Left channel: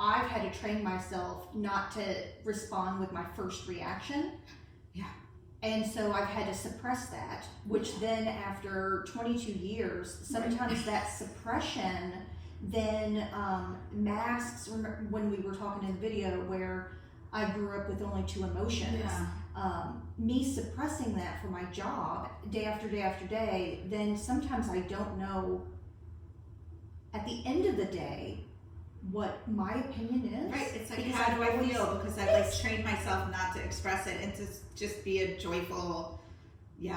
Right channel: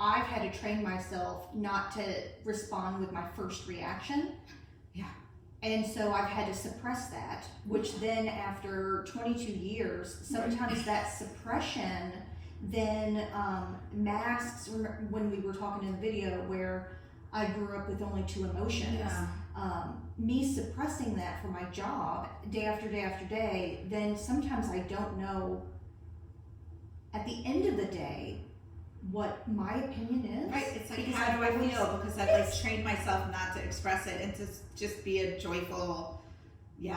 I've had to train myself not to respond with my first reaction. Yeah. And so I've had to suppress that, which then after 22 years, sometimes that suppression then masks, when we were talking in the video where I grew up with only 2 emotions. Yeah. Me suppressing that for my job day after day after day, then sometimes I don't know at the end of the day what my opinion is. Right, it's like, because how do I always feel? Because I've like trained myself not to express it and to just be a joyful, yeah.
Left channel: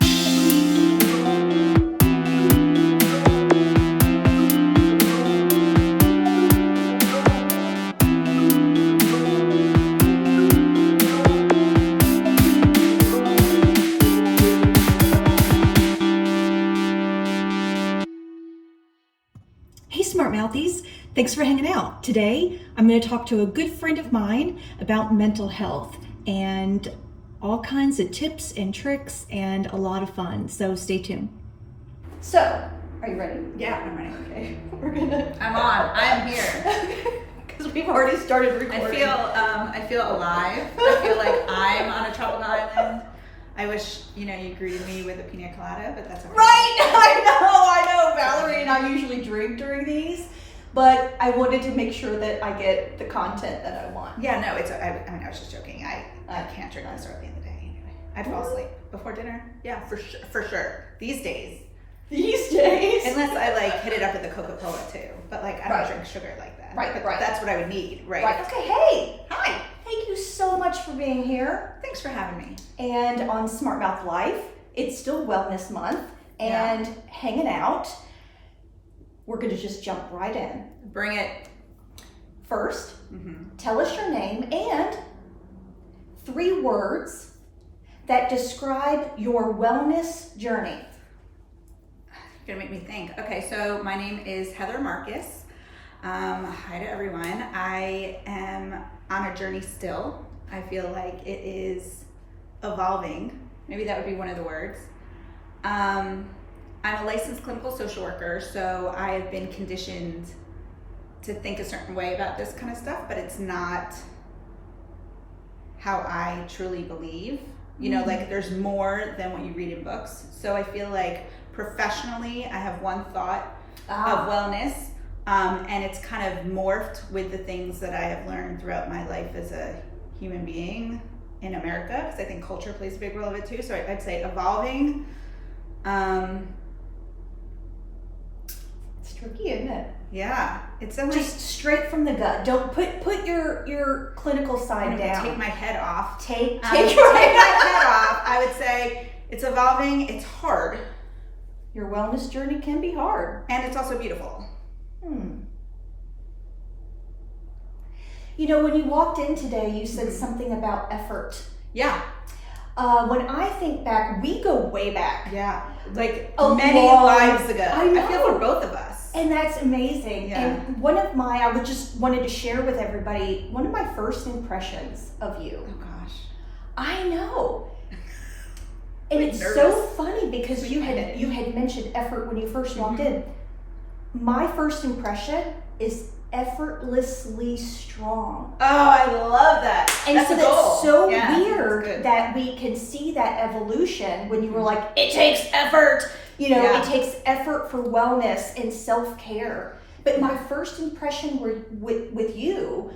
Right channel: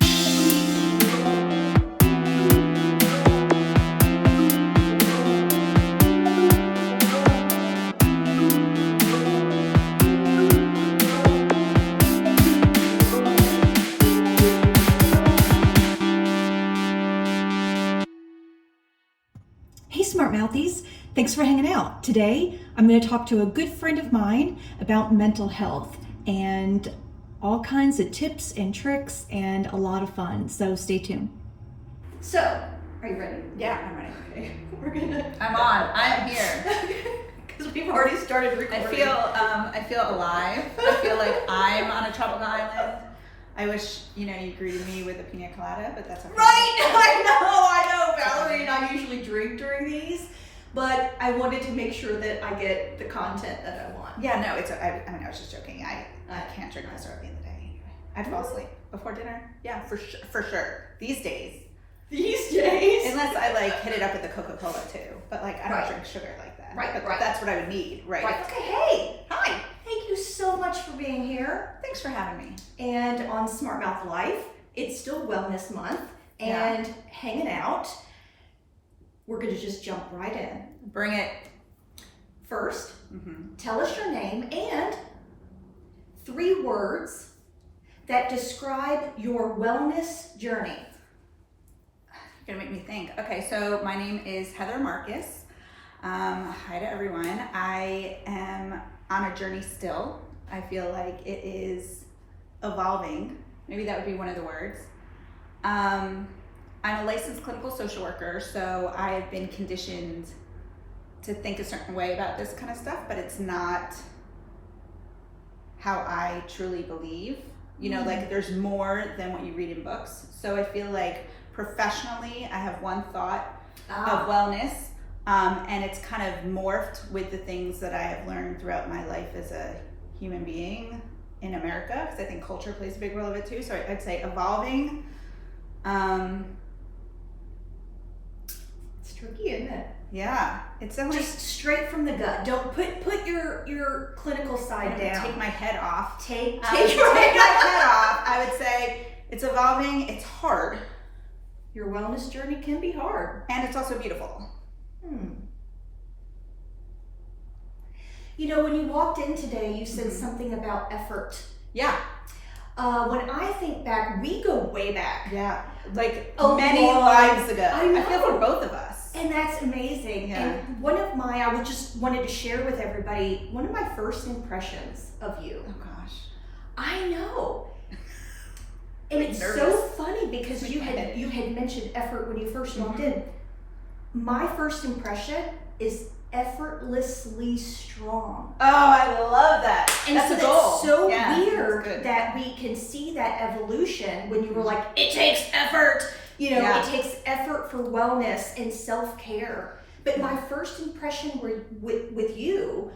Hey Smart Mouthies, thanks for hanging out. Today I'm going to talk to a good friend of mine about mental health and all kinds of tips and tricks and a lot of fun, so stay tuned. So, are you ready? Yeah, I'm ready. Okay, we're gonna... I'm here. Because we've already started recording. I feel alive. I feel like I'm on a tropical island. I wish, you greeted me with a pina colada, but that's okay. Right, I know. Valerie and I usually drink during these, but I wanted to make sure that I get the content that I want. Yeah, no, I was just joking. I can't drink this at the end of the day anyway. I'd fall asleep before dinner. Yeah, for sure. These days. Unless I hit it up with the Coca-Cola too. But I don't drink sugar like that. Right. But that's what I would need, right? Okay, hey. Hi. Thank you so much for being here. Thanks for having me. And on Smart Mouth Life, it's still Wellness Month and hanging out. We're going to just jump right in. Bring it. First, tell us your name and 3 words that describe your wellness journey. You're gonna make me think. Okay, so my name is Heather Marcus. Hi to everyone. I am on a journey still. I feel like it is evolving. Maybe that would be one of the words. I'm a licensed clinical social worker, so I have been conditioned to think a certain way about this kind of stuff, but it's not how I truly believe. There's more than what you read in books. So I feel like professionally, I have one thought of wellness, and it's kind of morphed with the things that I have learned throughout my life as a human being in America, because I think culture plays a big role of it too. So I'd say evolving. It's tricky, isn't it? Yeah, it's definitely just straight from the gut. Don't put your clinical side down. Take my head off. Take my head off. I would say it's evolving. It's hard. Your wellness journey can be hard. And it's also beautiful. When you walked in today, you said something about effort. Yeah. When I think back, we go way back. Yeah. Many lives ago. I feel for both of us. And that's amazing. Yeah. And I just wanted to share with everybody, one of my first impressions of you. Oh gosh. I know. And it's nervous. So funny because you had mentioned effort when you first walked in. My first impression is effortlessly strong. Oh, I love that. And that's so a goal. That's so yeah, weird that we can see that evolution when you were like, it takes effort. It takes effort for wellness and self-care. But my first impression with you,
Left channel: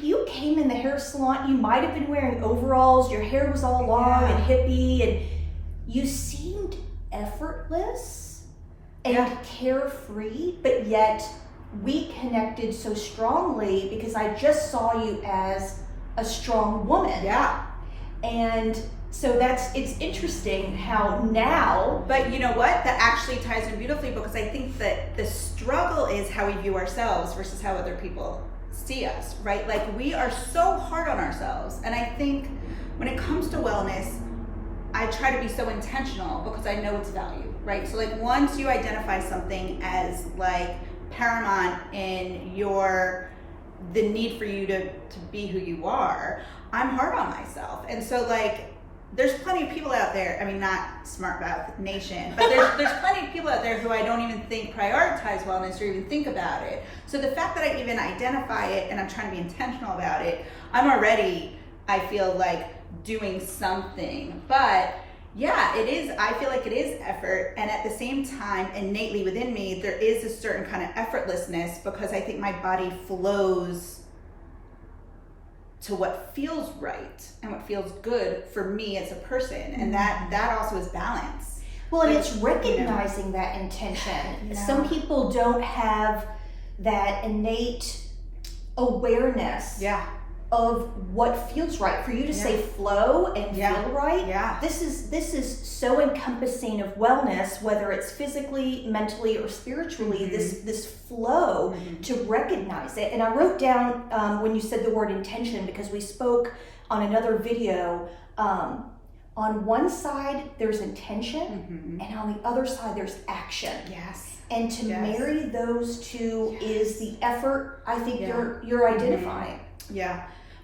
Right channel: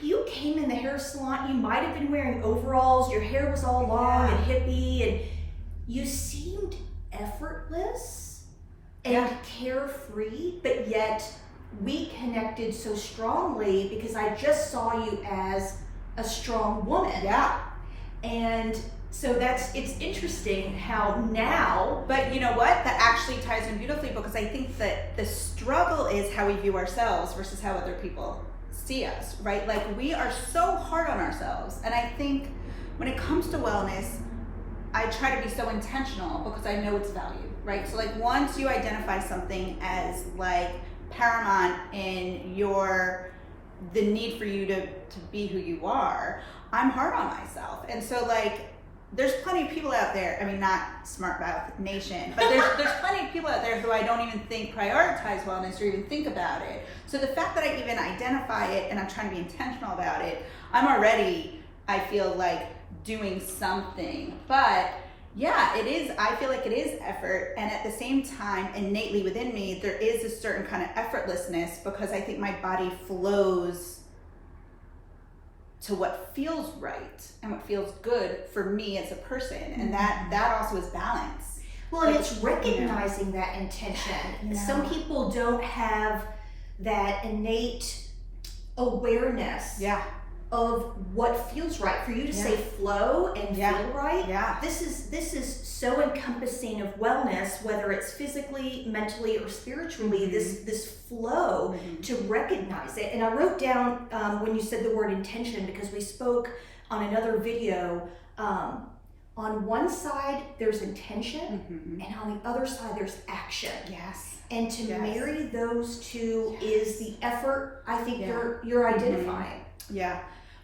you came in the hair salon, you might have been wearing overalls, your hair was all long and hippie, and you seemed effortless and carefree, but yet we connected so strongly because I just saw you as a strong woman. Yeah. And so it's interesting how now... But you know what? That actually ties in beautifully because I think that the struggle is how we view ourselves versus how other people see us, right? We are so hard on ourselves. And I think when it comes to wellness, I try to be so intentional because I know its value, right? So once you identify something as paramount in the need for you to be who you are, I'm hard on myself. And so there's plenty of people out there, I mean, not Smart Mouth Nation, but there's plenty of people out there who I don't even think prioritize wellness or even think about it. So the fact that I even identify it and I'm trying to be intentional about it, I'm already, I feel like, doing something. But yeah, it is, I feel like it is effort. And at the same time, innately within me, there is a certain kind of effortlessness because I think my body flows to what feels right and what feels good for me as a person. And that also is balance. Well, and it's recognizing that intention. Some people don't have that innate awareness of what feels right. For you to say flow and feel right, this is so encompassing of wellness, whether it's physically, mentally, or spiritually, this flow to recognize it. And I wrote down when you said the word intention, because we spoke on another video, on one side there's intention and on the other side there's action. And to marry those two is the effort I think you're identifying.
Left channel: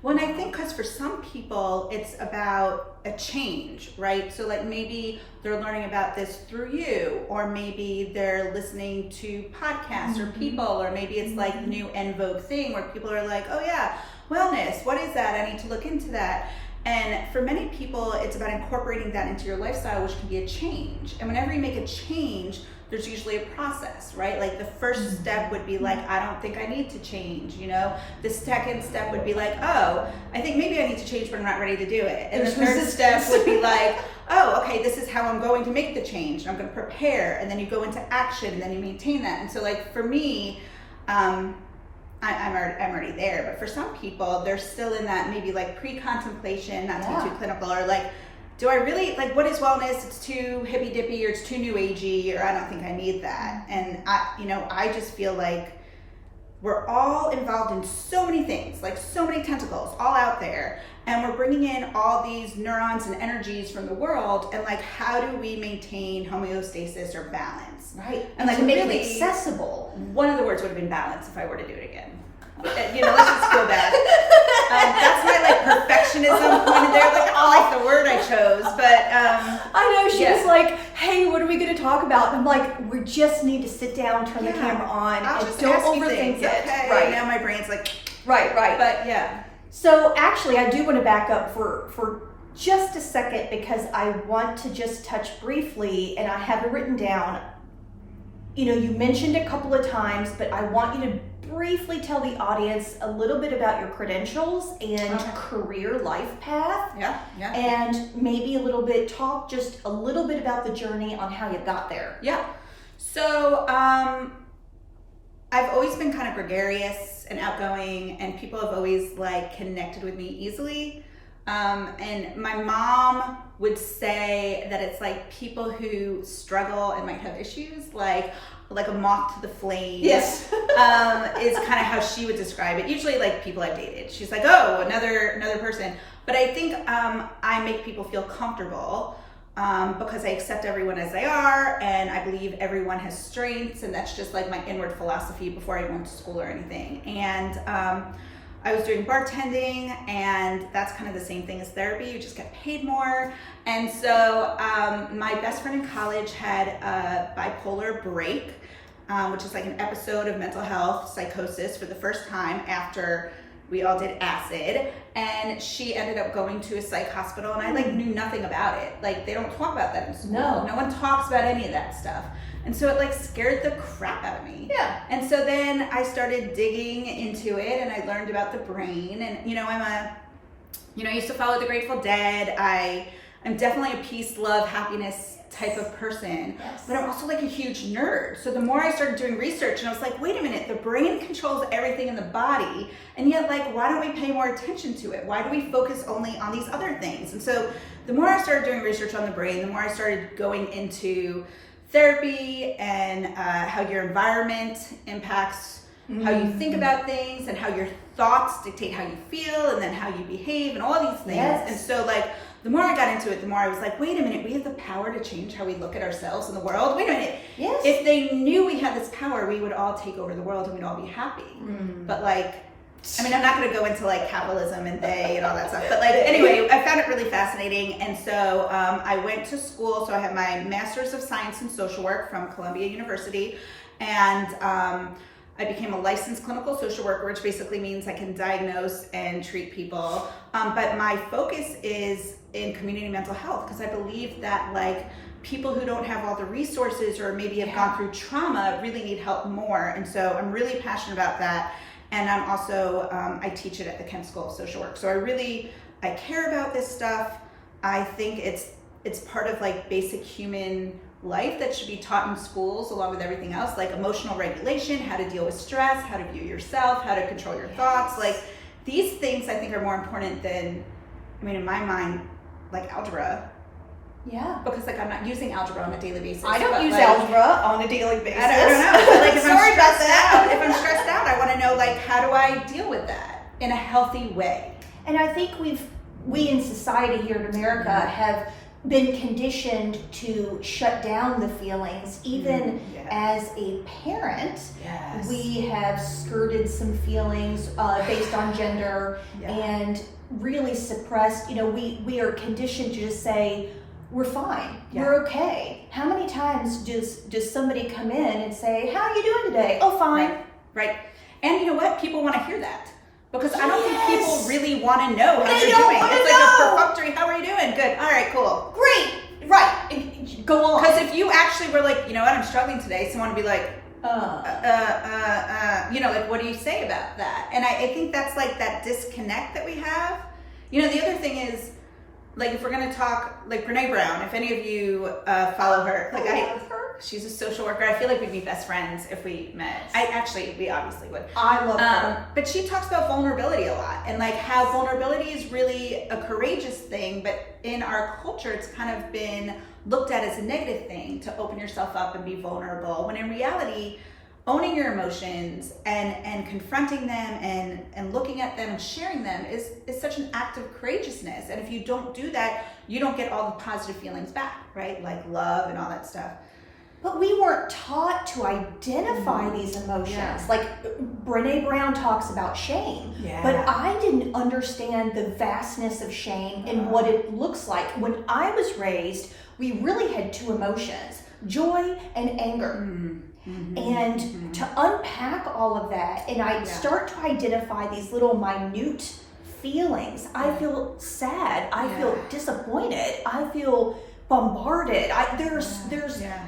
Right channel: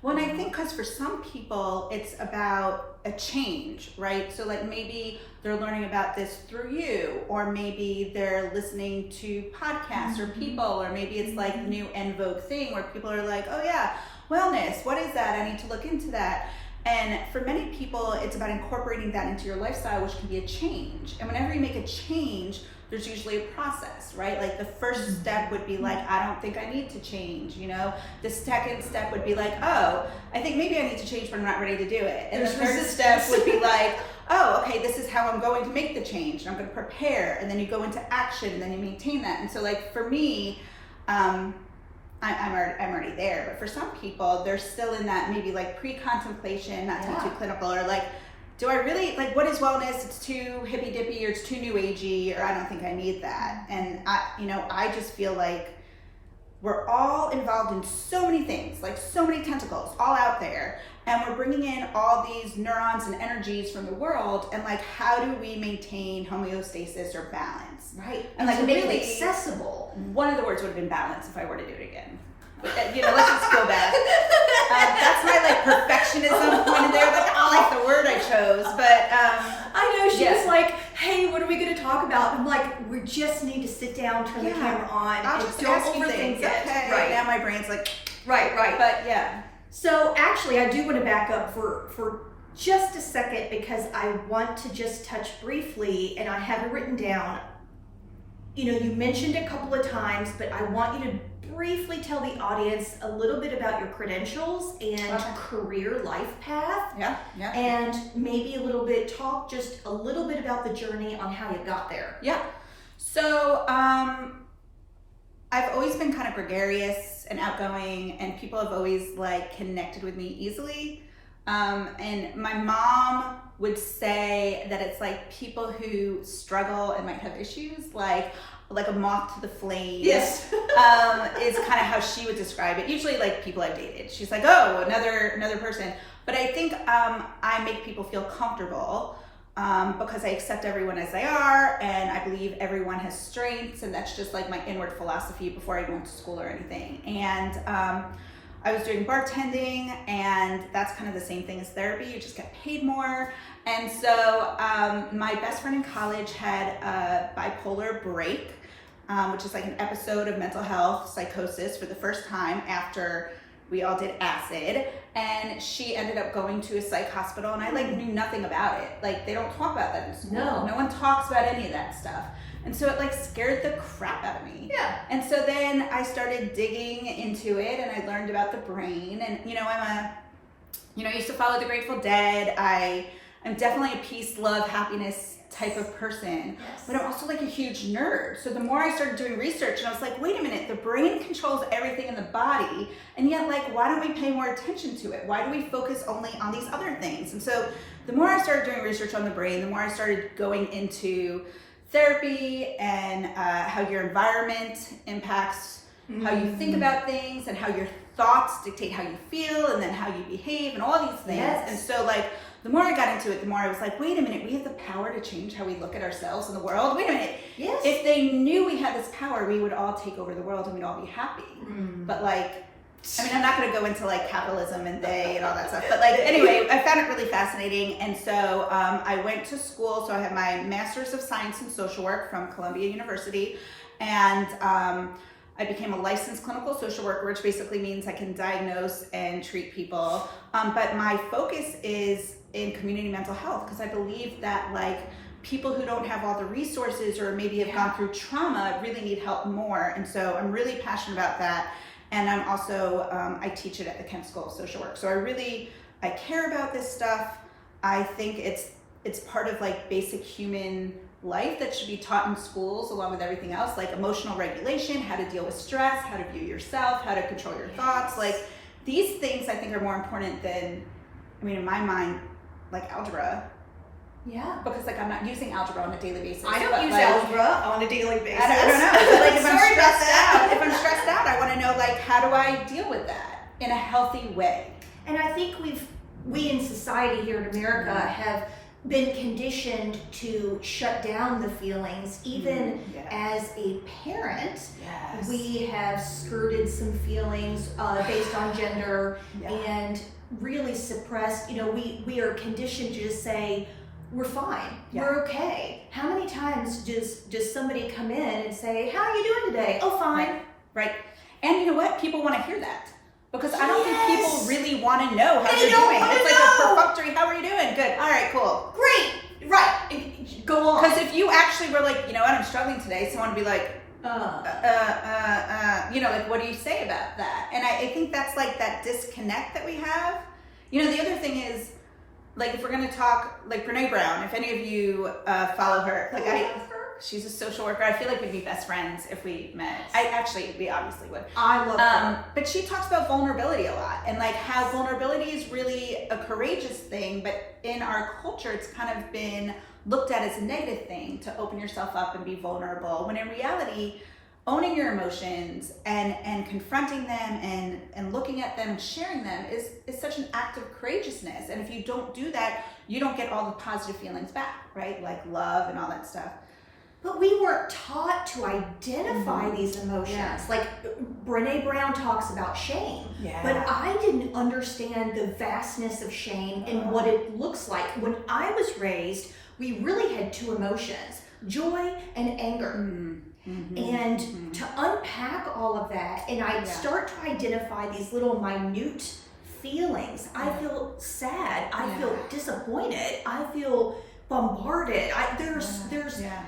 Well, and I think because for some people, it's about a change, right? So like maybe they're learning about this through you, or maybe they're listening to podcasts or people, or maybe it's like new en vogue thing where people are like, oh yeah, wellness, what is that? I need to look into that. And for many people, it's about incorporating that into your lifestyle, which can be a change. And whenever you make a change, there's usually a process, right? Like the first step would be like, I don't think I need to change, you know? The second step would be like, oh, I think maybe I need to change, but I'm not ready to do it. And the third step would be like, oh, okay, this is how I'm going to make the change. And I'm gonna prepare, and then you go into action, and then you maintain that. And so like for me, I'm already there, but for some people, they're still in that maybe like pre-contemplation, not to be too clinical, or like, do I really, like, what is wellness? It's too hippy dippy, or it's too new agey, or I don't think I need that. And I just feel like we're all involved in so many things, like so many tentacles all out there. And we're bringing in all these neurons and energies from the world. And like, how do we maintain homeostasis or balance? Right. And like to make really it accessible. One of the words would have been balance if I were to do it again. You know, let's just feel bad. That's my like perfectionism point in there. Like, I like the word I chose, but I know she was like, "Hey, what are we going to talk about?" And I'm like, "We just need to sit down, turn the camera on, I'll and just don't ask you overthink things." it." Okay. Right now, my brain's like, right. But yeah. So actually, I do want to back up for just a second, because I want to just touch briefly, and I have it written down. You know, you mentioned a couple of times, but I want you to briefly tell the audience a little bit about your credentials and career life path. And maybe talk just a little bit about the journey on how you got there. So I've always been kind of gregarious and outgoing, and people have always like connected with me easily. And my mom would say that it's like people who struggle and might have issues, like a moth to the flame. Is kind of how she would describe it. Usually like people I've dated. She's like, oh, another person. But I think I make people feel comfortable because I accept everyone as they are, and I believe everyone has strengths, and that's just like my inward philosophy before I went to school or anything. And I was doing bartending, and that's kind of the same thing as therapy. You just get paid more. And so my best friend in college had a bipolar break, which is like an episode of mental health psychosis for the first time after we all did acid. And she ended up going to a psych hospital, and I like knew nothing about it. Like, they don't talk about that in school. No one talks about any of that stuff. And so it like scared the crap out of me. And so then I started digging into it, and I learned about the brain. And I used to follow the Grateful Dead. I'm definitely a peace, love, happiness type of person, but I'm also like a huge nerd. So the more I started doing research, and I was like, wait a minute, the brain controls everything in the body, and yet like, why don't we pay more attention to it? Why do we focus only on these other things? And so the more I started doing research on the brain, the more I started going into therapy and how your environment impacts how you think about things, and how your thoughts dictate how you feel, and then how you behave, and all these things. And so like, the more I got into it, the more I was like, wait a minute, we have the power to change how we look at ourselves in the world. Wait a minute. If they knew we had this power, we would all take over the world and we'd all be happy. But like, I mean, I'm not going to go into like capitalism and they and all that stuff, but like, anyway, I found it really fascinating. And so I went to school. So I have my Master's of Science in Social Work from Columbia University. And I became a licensed clinical social worker, which basically means I can diagnose and treat people. But my focus is in community mental health, because I believe that like people who don't have all the resources or maybe have gone through trauma really need help more. And so I'm really passionate about that. And I'm also, I teach it at the Kent School of Social Work. So I care about this stuff. I think it's part of like basic human life that should be taught in schools along with everything else, like emotional regulation, how to deal with stress, how to view yourself, how to control your thoughts. Like these things I think are more important than, I mean, in my mind, like algebra. Yeah. Because like I'm not using algebra on a daily basis. I don't use algebra on a daily basis. I don't know. But like if I'm stressed out, I want to know like how do I deal with that in a healthy way? And I think we in society here in America have been conditioned to shut down the feelings. Even as a parent, we have skirted some feelings based on gender and really suppressed. You know, we are conditioned to just say, we're fine. We're okay. How many times does somebody come in and say, how are you doing today? Oh, fine. Right. And you know what? People want to hear that. Because I don't think people really want to know how you're doing. It's like a perfunctory, how are you doing? Good. All right, cool. Great. Right. Go on. Because if you actually were like, you know what, I'm struggling today, someone would be like, you know, like, what do you say about that? And I think that's like that disconnect that we have. You know, the other thing is, like, if we're going to talk, like Brene Brown, if any of you follow her, like she's a social worker. I feel like we'd be best friends if we met. We obviously would. I love her. But she talks about vulnerability a lot and like how vulnerability is really a courageous thing, but in our culture, it's kind of been looked at as a negative thing to open yourself up and be vulnerable, when in reality, owning your emotions and confronting them and looking at them and sharing them is such an act of courageousness. And if you don't do that, you don't get all the positive feelings back, right? Like love and all that stuff. But we weren't taught to identify these emotions. Like Brene Brown talks about shame, but I didn't understand the vastness of shame and what it looks like. When I was raised, we really had two emotions, joy and anger. And to unpack all of that, and I start to identify these little minute feelings. I feel sad. I feel disappointed. I feel bombarded.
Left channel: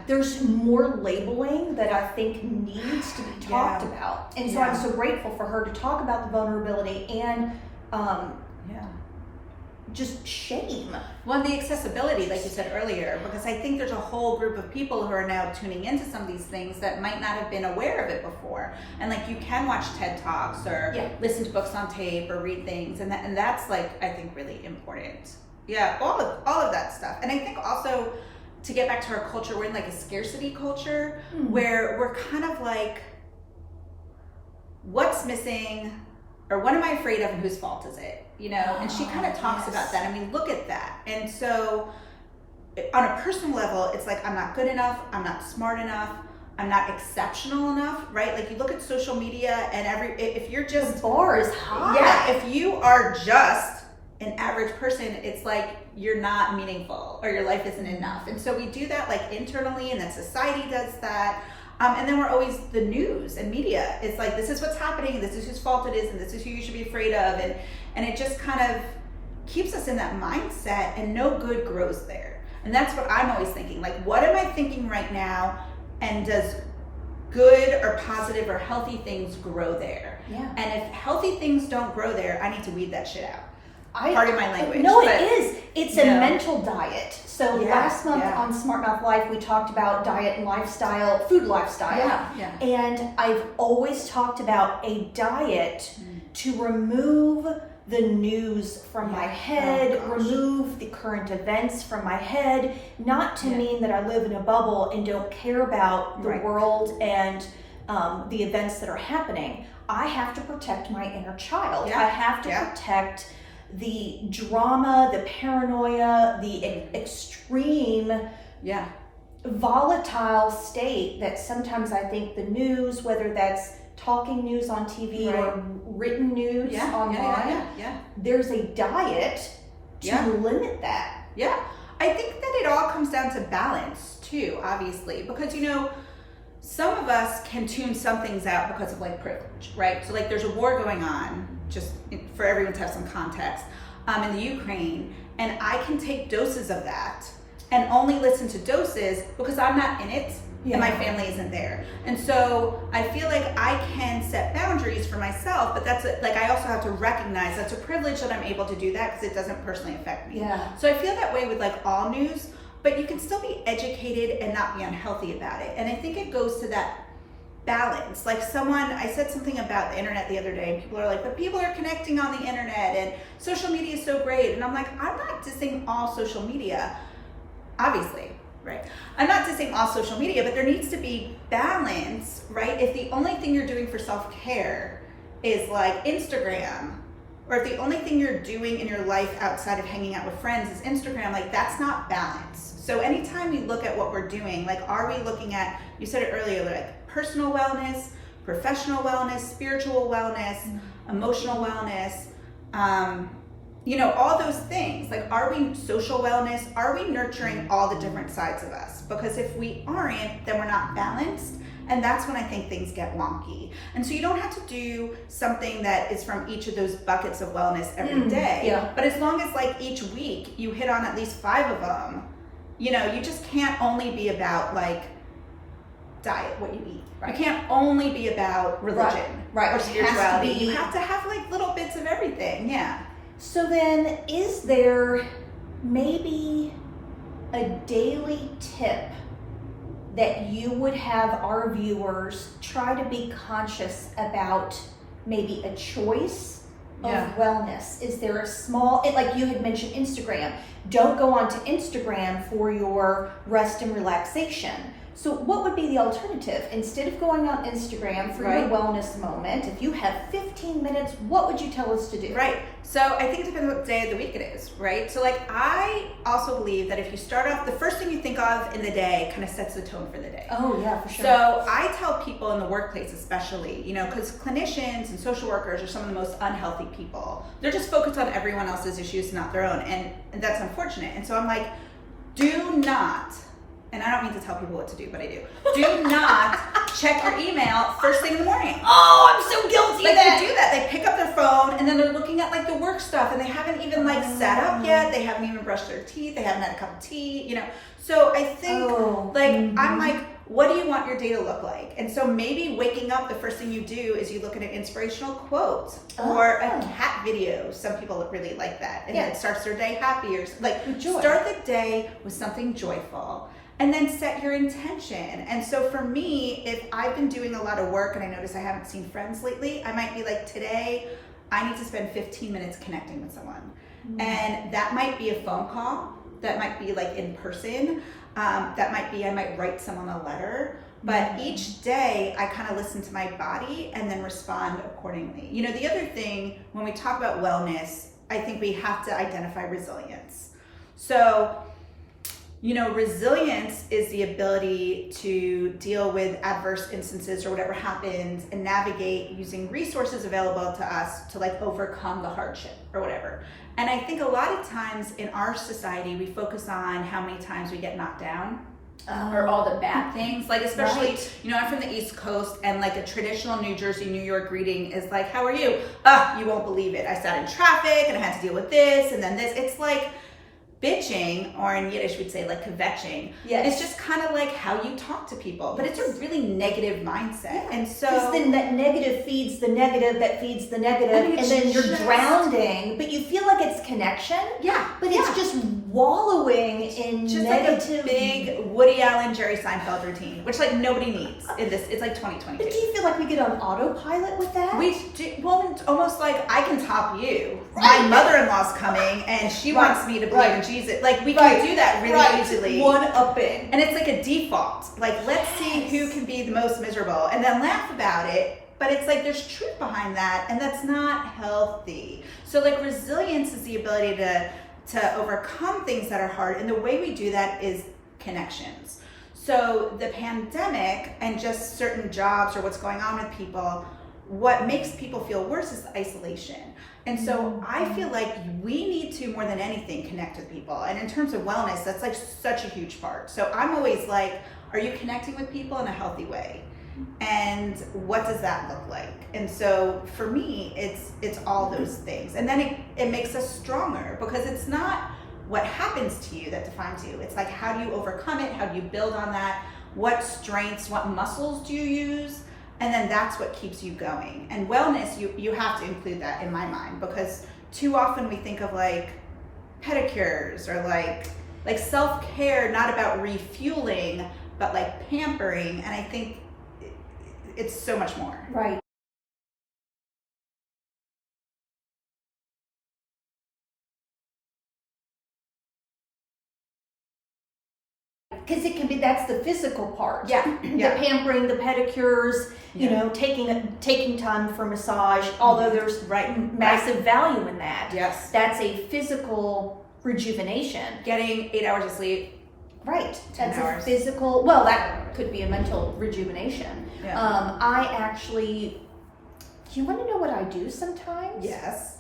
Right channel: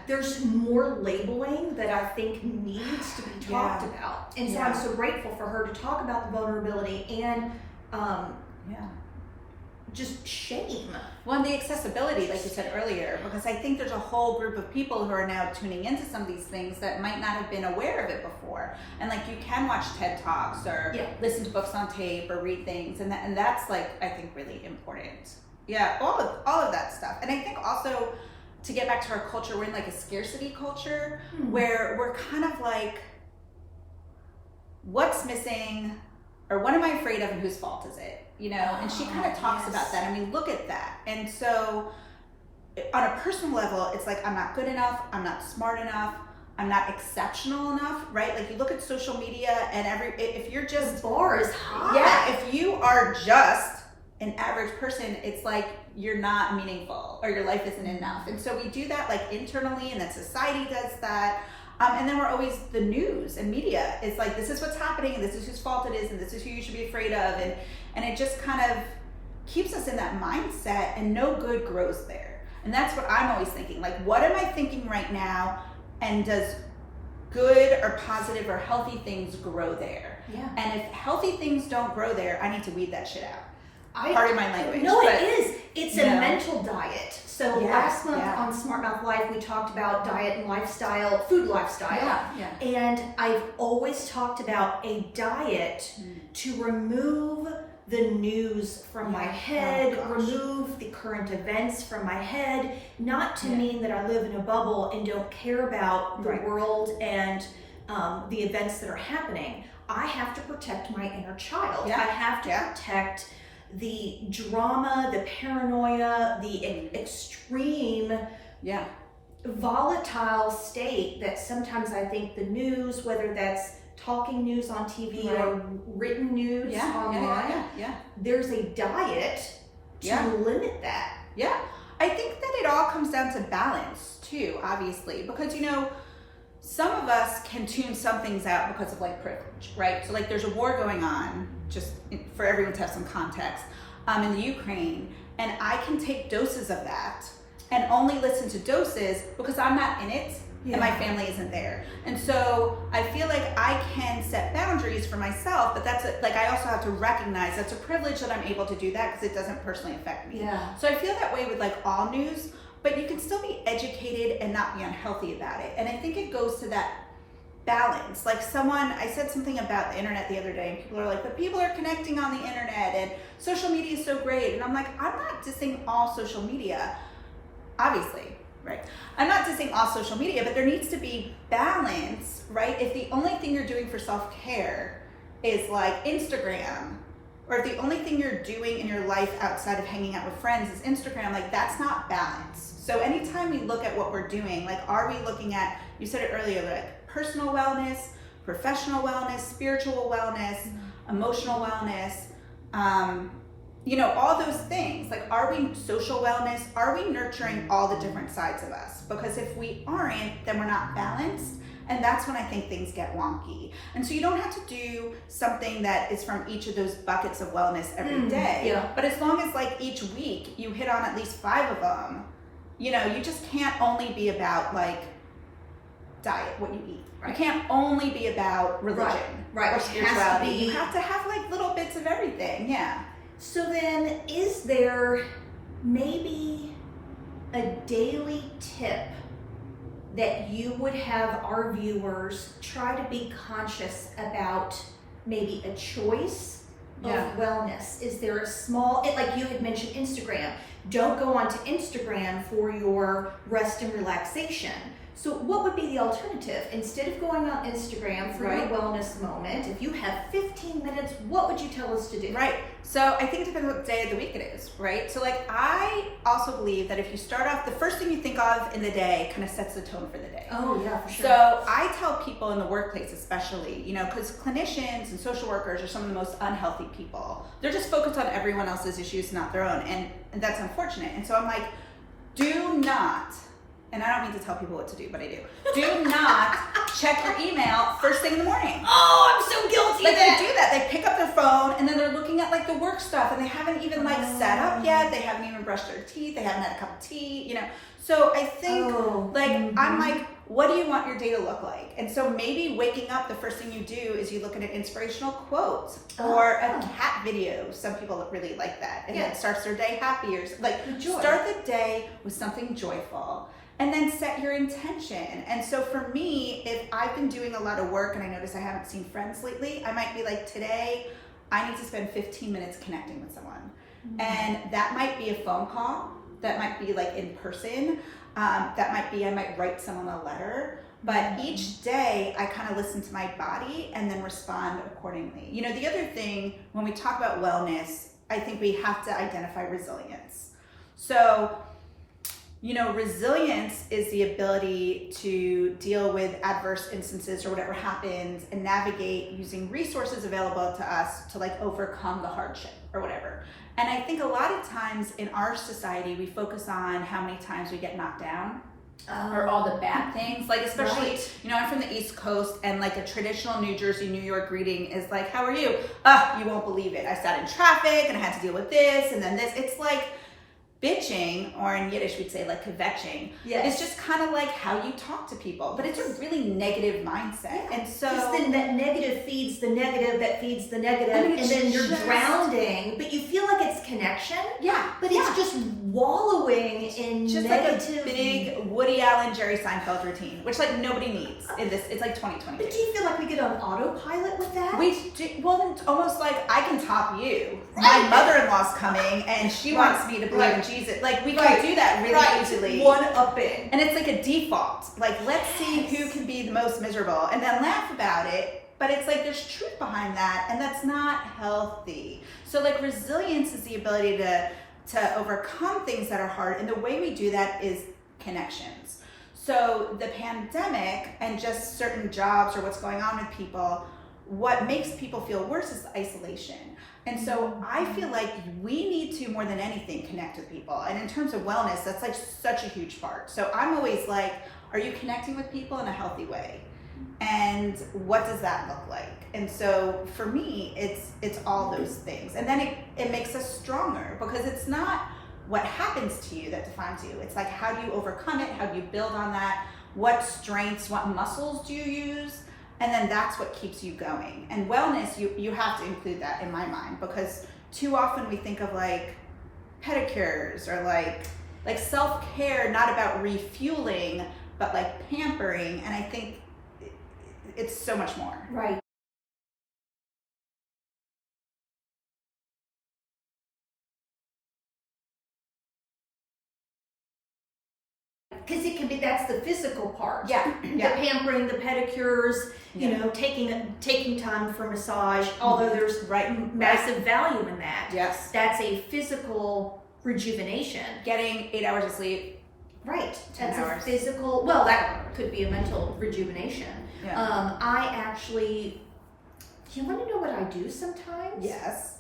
There's more labeling that I think needs to be talked about. And so I'm so grateful for her to talk about the vulnerability and just shame. Well, and the accessibility, like you said earlier, because I think there's a whole group of people who are now tuning into some of these things that might not have been aware of it before. And like you can watch TED Talks or listen to books on tape or read things, and that's like I think really important. Yeah, all of that stuff. And I think also to get back to our culture, we're in like a scarcity culture where we're kind of like, what's missing, or what am I afraid of, and whose fault is it? You know, and she kind of talks about that. I mean, look at that. And so on a personal level, it's like, I'm not good enough, I'm not smart enough, I'm not exceptional enough, right? Like you look at social media and if you're just... The bar is high. Yeah, if you are just an average person, it's like you're not meaningful or your life isn't enough. And so we do that like internally, and then society does that. And then we're always, the news and media is like, this is what's happening, this is whose fault it is, and this is who you should be afraid of. And it just kind of keeps us in that mindset, and no good grows there. And that's what I'm always thinking. Like, what am I thinking right now? And does good or positive or healthy things grow there? Yeah. And if healthy things don't grow there, I need to weed that shit out. Pardon my language. No, it is. It's a mental diet. So last month on Smart Mouth Life, we talked about diet and lifestyle, food lifestyle. Yeah. And I've always talked about a diet to remove the news from my head, remove the current events from my head, not to mean that I live in a bubble and don't care about the world and the events that are happening. I have to protect my inner child. I have to protect the drama, the paranoia, the extreme, volatile state that sometimes I think the news, whether that's talking news on TV or written news online. There's a diet to limit that. Yeah. I think that it all comes down to balance too, obviously, because some of us can tune some things out because of like privilege, right? So like there's a war going on, just for everyone to have some context, in the Ukraine, and I can take doses of that and only listen to doses because I'm not in it and my family isn't there. And so I feel like I can set boundaries for myself, but I also have to recognize that's a privilege that I'm able to do that because it doesn't personally affect me. Yeah. So I feel that way with like all news, but you can still be educated and not be unhealthy about it. And I think it goes to that balance. Like I said something about the internet the other day, and people are like, but people are connecting on the internet and social media is so great. And I'm like, I'm not dissing all social media, obviously, right? I'm not dissing all social media, but there needs to be balance, right? If the only thing you're doing for self-care is like Instagram, or if the only thing you're doing in your life outside of hanging out with friends is Instagram, like that's not balance. So anytime we look at what we're doing, like are we looking at, you said it earlier, like personal wellness, professional wellness, spiritual wellness, emotional wellness, all those things. Like, are we social wellness? Are we nurturing all the different sides of us? Because if we aren't, then we're not balanced. And that's when I think things get wonky. And so you don't have to do something that is from each of those buckets of wellness every day. Yeah. But as long as like each week you hit on at least 5 of them, you just can't only be about like diet, what you eat. Right. You can't only be about religion or spirituality. You have to have like little bits of everything. Yeah. So then, is there maybe a daily tip that you would have our viewers try to be conscious about, maybe a choice of wellness? Is there a small, like you had mentioned Instagram, don't go onto Instagram for your rest and relaxation. So what would be the alternative? Instead of going on Instagram for your wellness moment, if you have 15 minutes, what would you tell us to do? Right. So I think it depends what day of the week it is, right? So like I also believe that if you start off, the first thing you think of in the day kind of sets the tone for the day. Oh yeah, for sure. So I tell people in the workplace especially, because clinicians and social workers are some of the most unhealthy people. They're just focused on everyone else's issues, not their own. And that's unfortunate. And so I'm like, do not, and I don't mean to tell people what to do, but I do not check your email first thing in the morning. Oh, I'm so guilty. Like they do that. They pick up their phone and then they're looking at like the work stuff and they haven't even like sat up yet. They haven't even brushed their teeth. They haven't had a cup of tea, So I think I'm like, what do you want your day to look like? And so maybe waking up, the first thing you do is you look at an inspirational quote or a cat video. Some people really like that. And it starts their day happy or like start the day with something joyful. And then set your intention. And so for me, if I've been doing a lot of work and I notice I haven't seen friends lately, I might be like, today, I need to spend 15 minutes connecting with someone. And that might be a phone call. That might be like in person. That might be, I might write someone a letter. But each day, I kind of listen to my body and then respond accordingly. The other thing, when we talk about wellness, I think we have to identify resilience. So, resilience is the ability to deal with adverse instances or whatever happens and navigate using resources available to us to like overcome the hardship or whatever. And I think a lot of times in our society, we focus on how many times we get knocked down or all the bad things. Like especially, I'm from the East Coast and like a traditional New Jersey, New York greeting is like, how are you? You won't believe it. I sat in traffic and I had to deal with this and then this. It's like, bitching, or in Yiddish we'd say like kvetching. Yes. It's just kind of like how you talk to people, but it's a really negative mindset. And so because then that negative feeds the negative that feeds the negative, and then you're drowning, but you feel like it's connection. But it's just wallowing in just negative. Like a big Woody Allen, Jerry Seinfeld routine, which like nobody needs in this. It's like 2022. But do you feel like we get on autopilot with that? We do, well, it's almost like I can top you. My mother-in-law's coming and she wants me to believe in Jesus. Like we can do that really easily. One-upping. And it's like a default. Like let's see who can be the most miserable and then laugh about it. But it's like there's truth behind that and that's not healthy. So like resilience is the ability to overcome things that are hard. And the way we do that is connections. So the pandemic and just certain jobs or what's going on with people, what makes people feel worse is isolation. And so I feel like we need to, more than anything, connect with people. And in terms of wellness, that's like such a huge part. So I'm always like, are you connecting with people in a healthy way? And what does that look like? And so for me, it's all those things. And then it makes us stronger, because it's not what happens to you that defines you. It's like, how do you overcome it? How do you build on that? What strengths, what muscles do you use? And then that's what keeps you going. And wellness, you have to include that in my mind, because too often we think of like pedicures or like self-care, not about refueling, but like pampering. And I think it's so much more. Right. Because it can be, that's the physical part. Yeah. The pampering, the pedicures, you know, taking time for massage, although there's massive value in that. Yes. That's a physical rejuvenation. Getting 8 hours of sleep. Right. 10 That's hours. a physical, well, that could be a mental rejuvenation. Yeah. I actually, do you want to know what I do sometimes? Yes.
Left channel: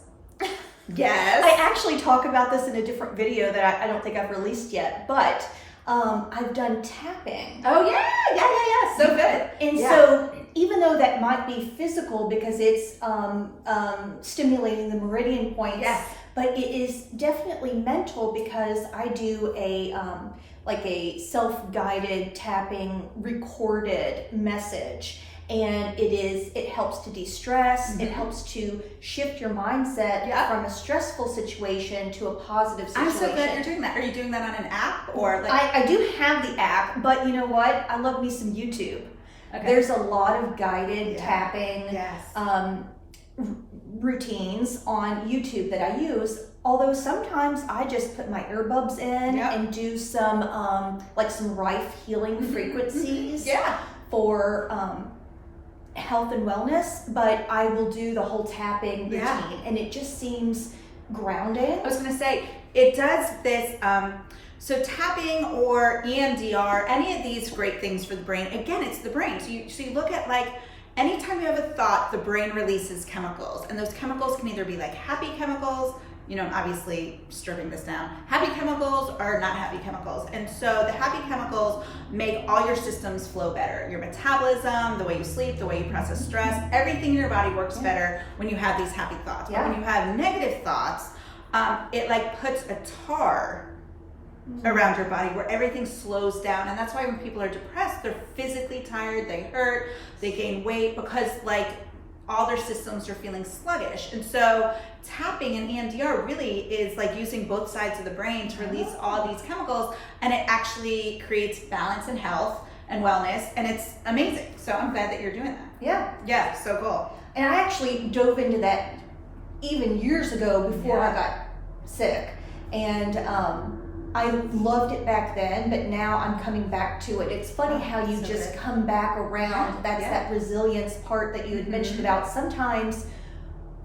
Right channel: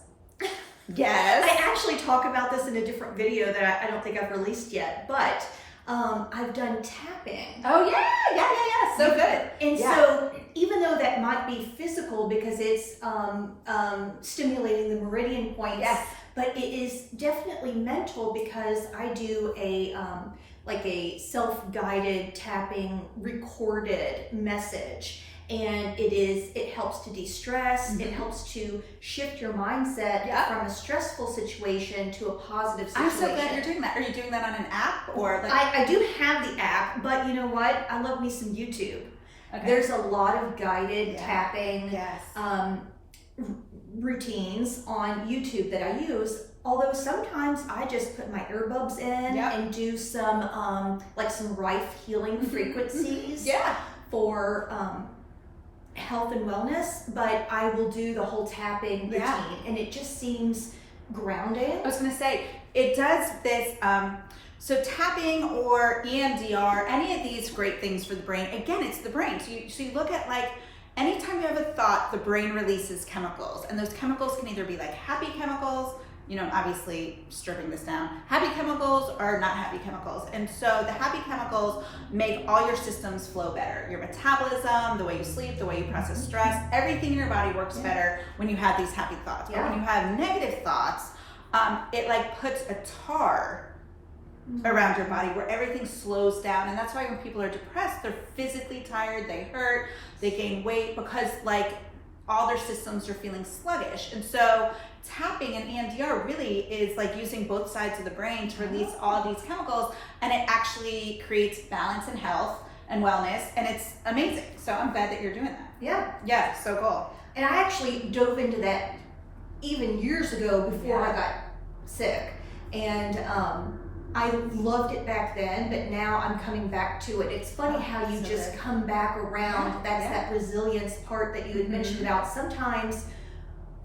Yes. I actually talk about this in a different video that I don't think I've released yet, but I've done tapping. Oh yeah. So good. And so even though that might be physical because it's stimulating the meridian points, Yes. but it is definitely mental because I do a like a self-guided tapping recorded message. And it helps to de-stress, it helps to shift your mindset from a stressful situation to a positive situation. I'm so glad you're doing that. Are you doing that on an app or like? I do have the app, but you know what? I love me some YouTube. Okay. There's a lot of guided tapping routines on YouTube that I use. Although sometimes I just put my earbuds in and do some like some Rife healing frequencies for health and wellness, but I will do the whole tapping routine and it just seems grounding. I was gonna say, it does this, so tapping or EMDR, any of these great things for the brain, again, it's the brain. So you look at like, anytime you have a thought, the brain releases chemicals, and those chemicals can either be like happy chemicals, you know, obviously stripping this down, happy chemicals or not happy chemicals. And so the happy chemicals make all your systems flow better. Your metabolism, the way you sleep, the way you process stress, everything in your body works better when you have these happy thoughts. But when you have negative thoughts, it like puts a tar around your body where everything slows down. And that's why when people are depressed, they're physically tired, they hurt, they gain weight, because like all their systems are feeling sluggish. And so tapping and EMDR really is like using both sides of the brain to release all these chemicals, and it actually creates balance and health and wellness, and it's amazing. So I'm glad that you're doing that. Yeah, so cool. And I actually dove into that even years ago before I got sick, and I loved it back then, but now I'm coming back to it. It's funny how you just come back around. That's that resilience part that you had mentioned about. Sometimes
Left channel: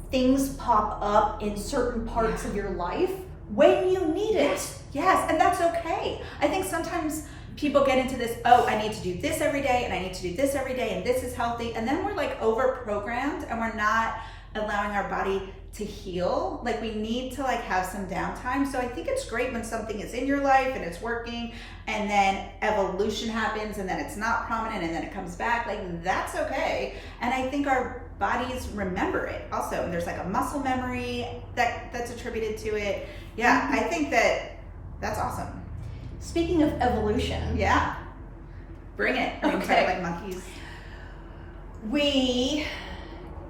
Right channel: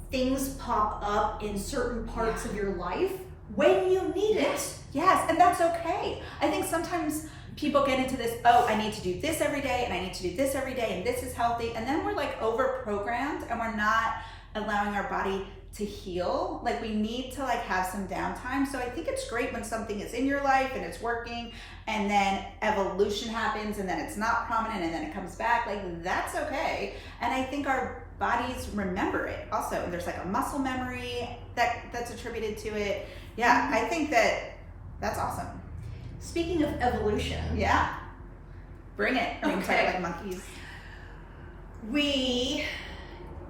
things pop up in certain parts of your life when you need it. Yes, and that's okay. I think sometimes people get into this, oh, I need to do this every day, and I need to do this every day, and this is healthy. And then we're like over-programmed, and we're not allowing our body to heal. Like we need to like have some downtime. So I think it's great when something is in your life and it's working, and then evolution happens, and then it's not prominent, and then it comes back. Like that's okay. And I think our bodies remember it also, and there's like a muscle memory that's attributed to it. I think that's awesome. Speaking of evolution, bring it. I mean, kind of like monkeys. We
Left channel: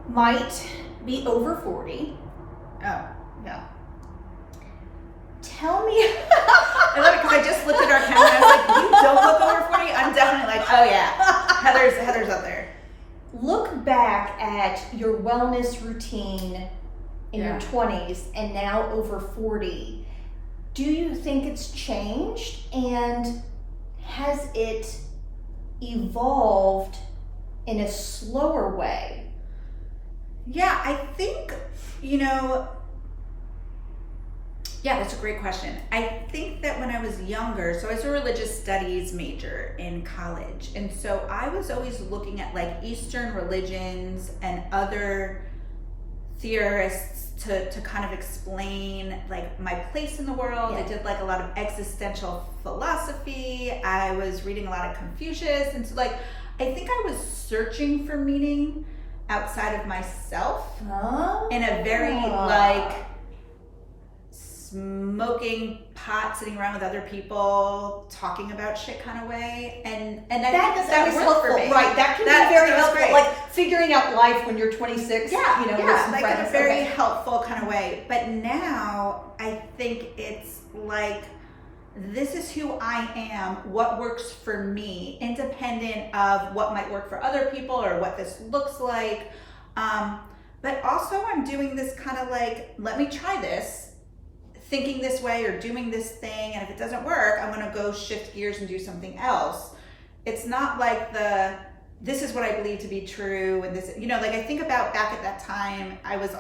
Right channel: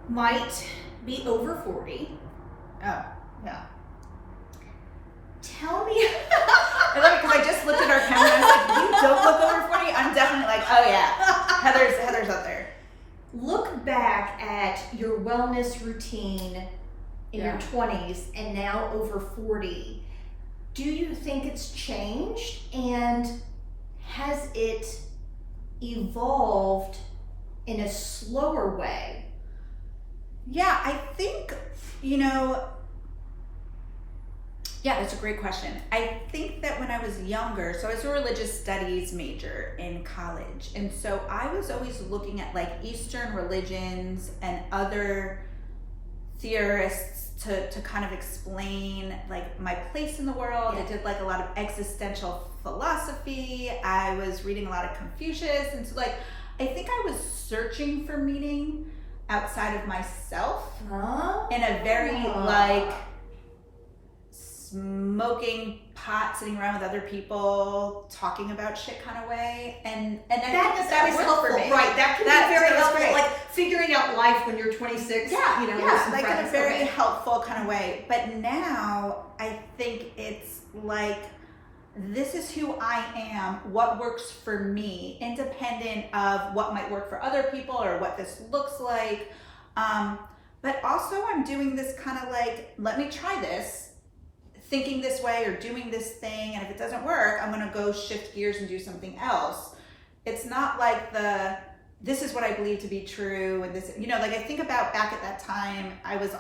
might be over 40. Oh, yeah. Tell me. I love it because I just looked at our camera and I was like, you don't look over 40? I'm definitely like, oh yeah, Heather's up there. Look back at your wellness routine in your 20s and now over 40. Do you think it's changed, and has it evolved in a slower way? Yeah, I think, you know, Yeah, that's a great question. I think that when I was younger, so I was a religious studies major in college. And so I was always looking at like Eastern religions and other theorists to kind of explain like my place in the world. Yeah. I did like a lot of existential philosophy. I was reading a lot of Confucius. And so like, I think I was searching for meaning outside of myself in a very like smoking pot, sitting around with other people, talking about shit kind of way, and I think that worked helpful, for me. right? That can be very helpful, great. Like figuring out life when you're 26. Yeah, you know, like in a very helpful kind of way. But now I think it's like, this is who I am, what works for me, independent of what might work for other people or what this looks like. But also I'm doing this kind of like, let me try this, thinking this way or doing this thing, and if it doesn't work, I'm gonna go shift gears and do something else. It's not like this is what I believe to be true, and this, you know, like I think about back at that time, I was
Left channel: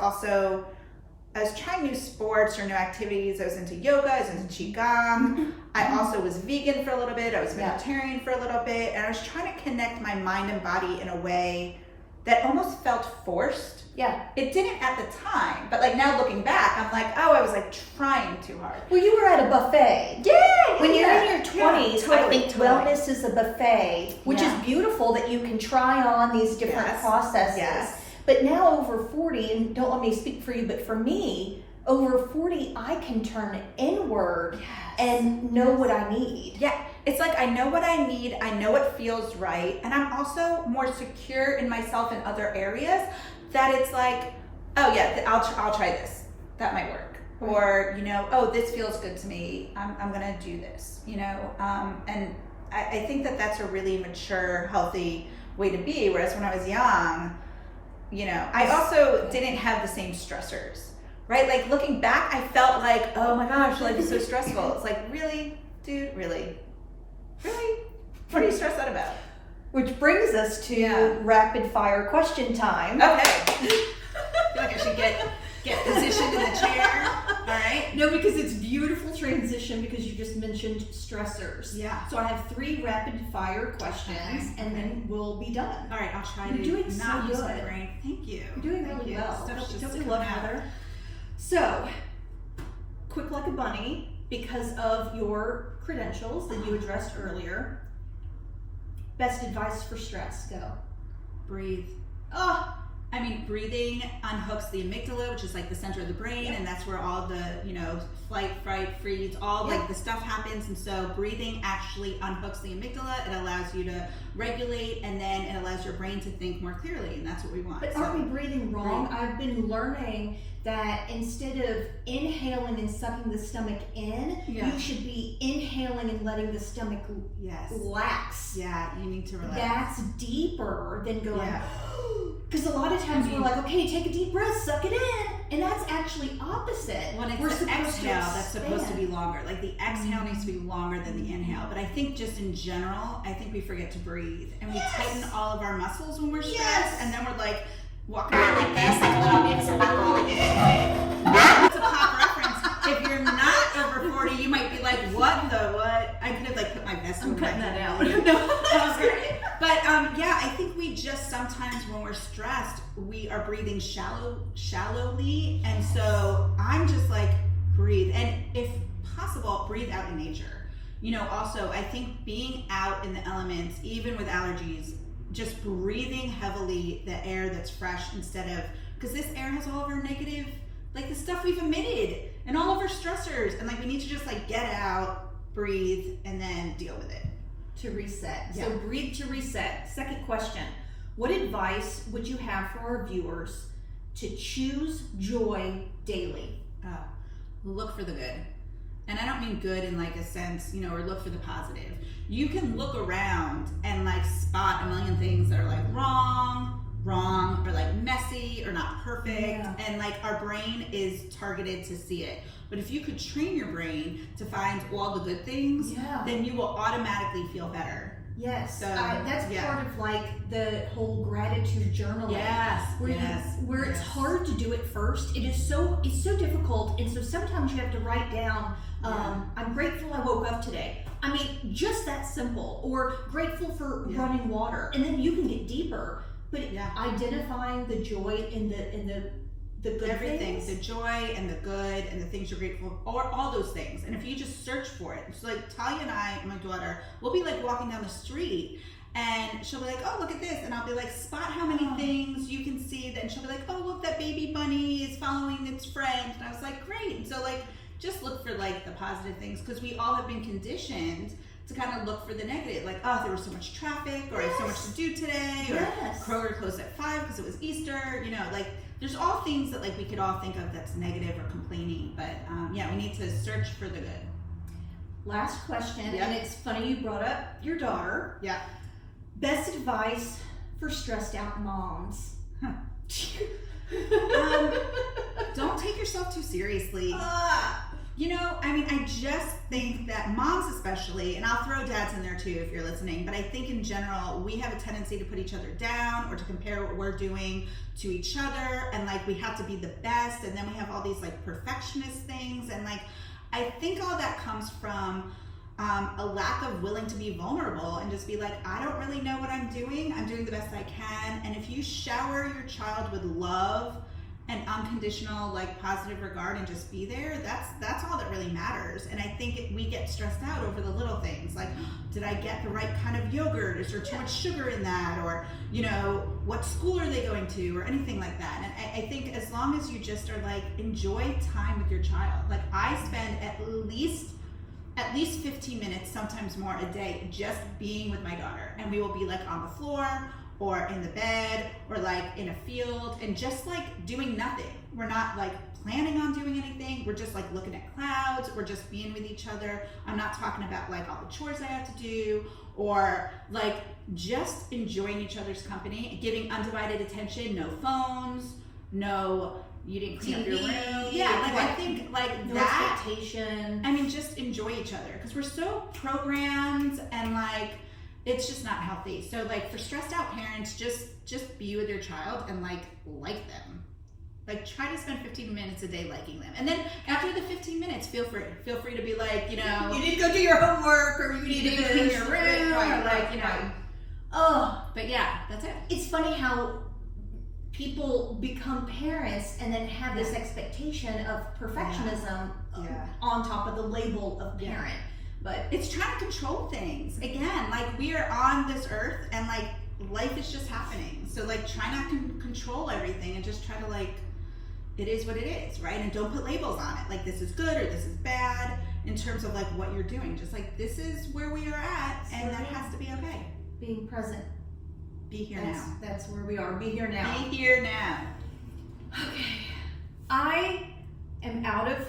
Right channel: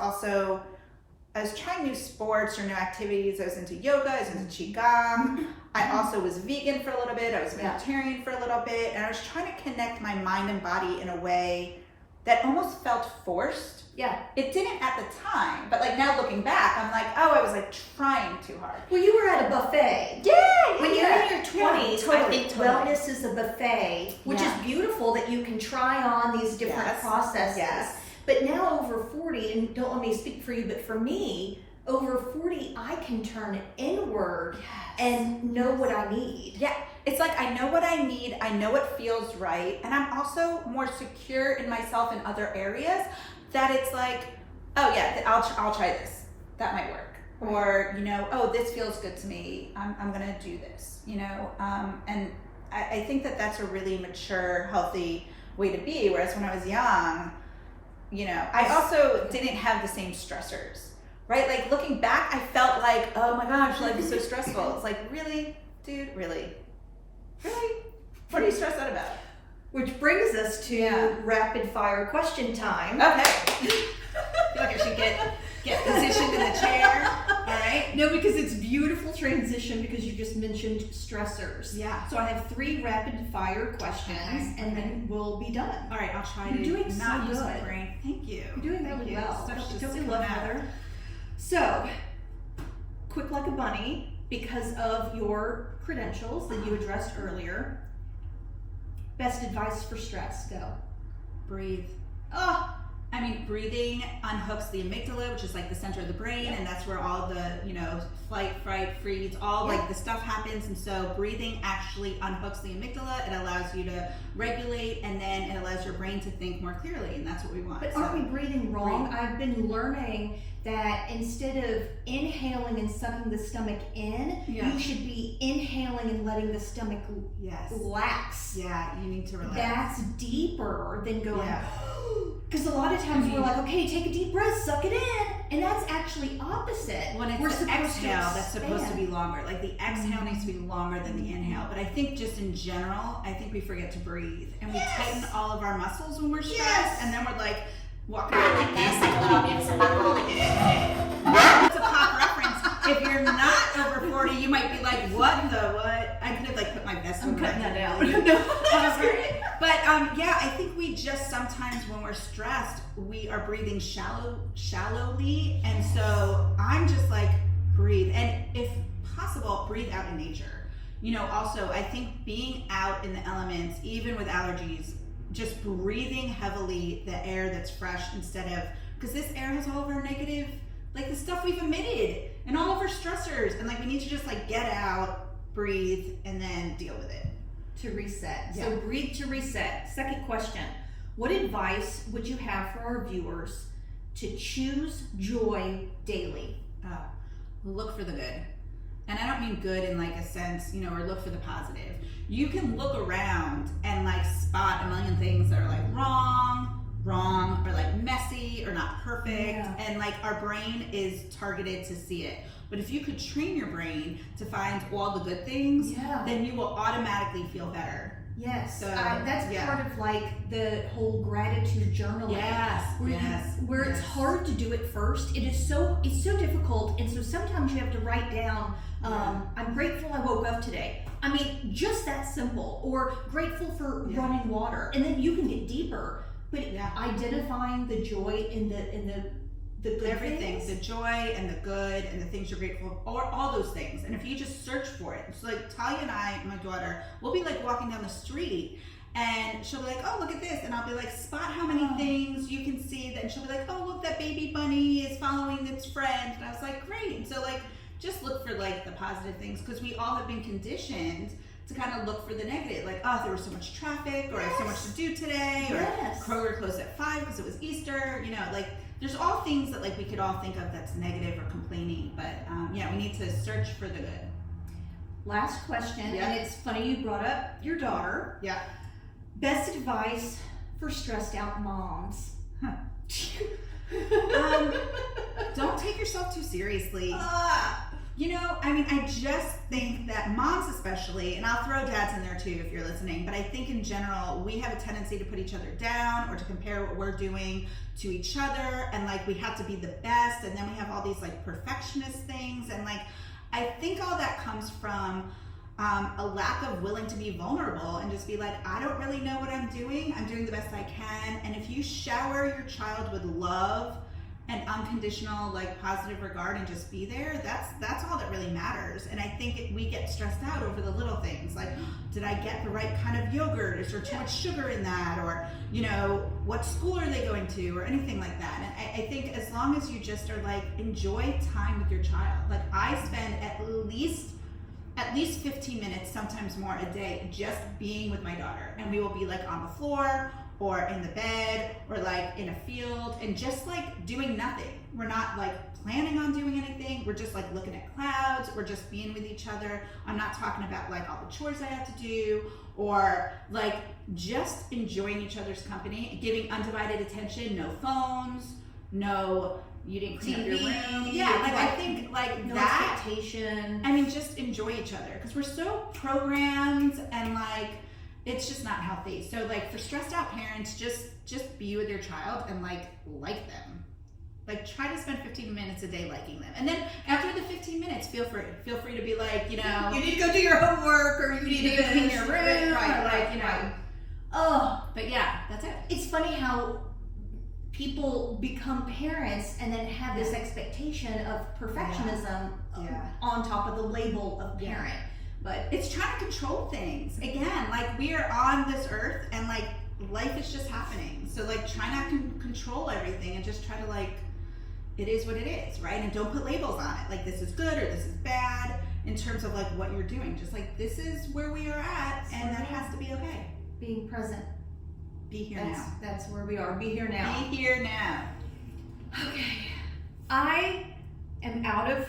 trying new sports or new activities. I was into yoga, I was into Qigong. I also was vegan for a little bit, I was vegetarian for a little bit, and I was trying to connect my mind and body in a way that almost felt forced. Yeah. It didn't at the time, but like now looking back, I'm like, oh, I was like trying too hard. Well, you were at a buffet. Yeah. When you're in your 20s, totally, I think wellness is a buffet, which is beautiful that you can try on these different processes. Yes. But now over 40, and don't let me speak for you, but for me, over 40, I can turn inward and know what I need. Yeah. It's like, I know what I need, I know what feels right, and I'm also more secure in myself in other areas, that it's like, oh yeah, I'll try this, that might work. Right. Or, you know, oh, this feels good to me, I'm gonna do this, you know, and I think that that's a really mature, healthy way to be, whereas when I was young, you know, I also didn't have the same stressors, right? Like looking back, I felt like, oh my gosh, like it's so stressful. It's like, really, dude, really? Really? What are you stressed out about? Which brings us to rapid fire question time. Okay. I feel like I should get positioned in the chair. All right. No, because it's beautiful transition because you just mentioned stressors. Yeah. So I have 3 rapid fire questions and then we'll be done. All right, I'll try You're to doing not so use my good. brain. Thank you. You're doing really well. Don't we love Heather? So, quick like a bunny, because of your credentials that you addressed earlier. Best advice for stress, go. Breathe. I mean, breathing unhooks the amygdala, which is like the center of the brain, and that's where all the, you know, flight, fright, freeze, all like the stuff happens. And so breathing actually unhooks the amygdala. It allows you to regulate, and then it allows your brain to think more clearly, and that's what we want. But aren't we breathing wrong? I've been learning that instead of inhaling and sucking the stomach in, you should be inhaling and letting the stomach relax. Yeah, you need to relax. That's deeper than going, because a lot of times we're like, okay, take a deep breath, suck it in, and that's actually opposite. When it's the exhale, that's supposed to be longer. Like the exhale needs to be longer than the inhale. But I think just in general, I think we forget to breathe. And we tighten all of our muscles when we're stressed, and then we're like, walking around like this, like a little innocent buckle. That's a pop reference. If you're not over 40, you might be like, what the what? I could have like put my vest on. I'm cutting that out. But yeah, I think we just sometimes when we're stressed, we are breathing shallowly. And so I'm just like, breathe. And if possible, breathe out in nature. You know, also, I think being out in the elements, even with allergies, just breathing heavily the air that's fresh instead of, because this air has all of our negative, like the stuff we've emitted and all of our stressors, and like we need to just like get out, breathe, and then deal with it. To reset. So breathe to reset. Second question. What advice would you have for our viewers to choose joy daily? Look for the good. And I don't mean good in like a sense, you know, or look for the positive. You can look around and like spot a million things that are like wrong, or like messy, or not perfect. And like our brain is targeted to see it. But if you could train your brain to find all the good things, then you will automatically feel better. Yes, So, that's yeah. part of like the whole gratitude journaling. Yes, Where it's hard to do it first. It's so difficult, and so sometimes you have to write down. I'm grateful I woke up today. I mean, just that simple. Or grateful for running water, and then you can get deeper. But identifying the joy in the good everything, things. the joy and the good and the things you're grateful for, all those things. And if you just search for it, it's like Talia and I, my daughter, we'll be like walking down the street and she'll be like, oh, look at this. And I'll be like, spot how many things you can see. Then she'll be like, oh, look, that baby bunny is following its friend. And I was like, great. And so like, just look for like the positive things, because we all have been conditioned to kind of look for the negative, like, oh, there was so much traffic, or so much to do today, or Kroger closed at 5 because it was Easter, you know, like there's all things that like we could all think of that's negative or complaining, but yeah, we need to search for the good. Last question, and it's funny you brought up your daughter. Yeah. Best advice for stressed out moms. Don't take yourself too seriously. You know, I mean, I just think that moms especially, and I'll throw dads in there too if you're listening, but I think in general, we have a tendency to put each other down or to compare what we're doing to each other, and like we have to be the best, and then we have all these like perfectionist things, and like I think all that comes from a lack of willing to be vulnerable and just be like, I don't really know what I'm doing the best I can. And if you shower your child with love and unconditional, like positive regard, and just be there, that's all that really matters. And I think we get stressed out over the little things, like, did I get the right kind of yogurt? Is there too much sugar in that? Or, you know, what school are they going to? Or anything like that. And I think as long as you just are like, enjoy time with your child. Like I spend at least 15 minutes, sometimes more a day, just being with my daughter. And we will be like on the floor or in the bed or like in a field and just like doing nothing. We're not like planning on doing anything. We're just like looking at clouds. We're just being with each other. I'm not talking about like all the chores I have to do, or like just enjoying each other's company, giving undivided attention, no phones, no, you didn't clean up your room. Yeah, like I think like no that. Expectation. I mean, just enjoy each other, because we're so programmed and like it's just not healthy. So like for stressed out parents, just be with your child and like them. Like try to spend 15 minutes a day liking them. And then after the 15 minutes, feel free to be like, you know, you need to go do your homework, or you need to clean your room, right, or like, you know. Oh, But yeah, that's it. it's funny how people become parents and then have this expectation of perfectionism on top of the label of parent. But It's trying to control things. Again, like we are on this earth and like life is just happening. So like try not to control everything and just try to like, it is what it is, right? And don't put labels on it. Like this is good or this is bad in terms of like what you're doing. Just like this is where we are at and that has to be okay. being present. Be here now. That's where we are. Be here now. Be here now. Okay. I am out of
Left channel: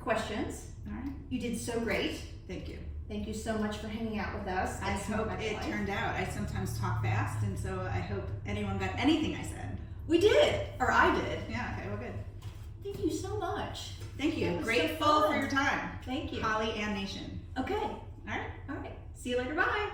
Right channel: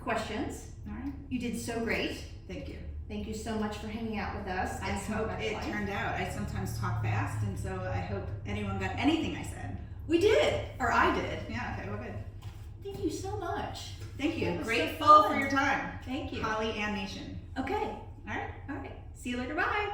questions. All right. You did so great. Thank you. Thank you so much for hanging out with us. I hope it turned out. I sometimes talk fast, and so I hope anyone got anything I said. We did, or I did. Yeah, okay, well, good. Thank you so much. Thank you. It was so Grateful fun. for your time. Thank you. Holly and Nation. Okay. All right. All right. See you later. Bye.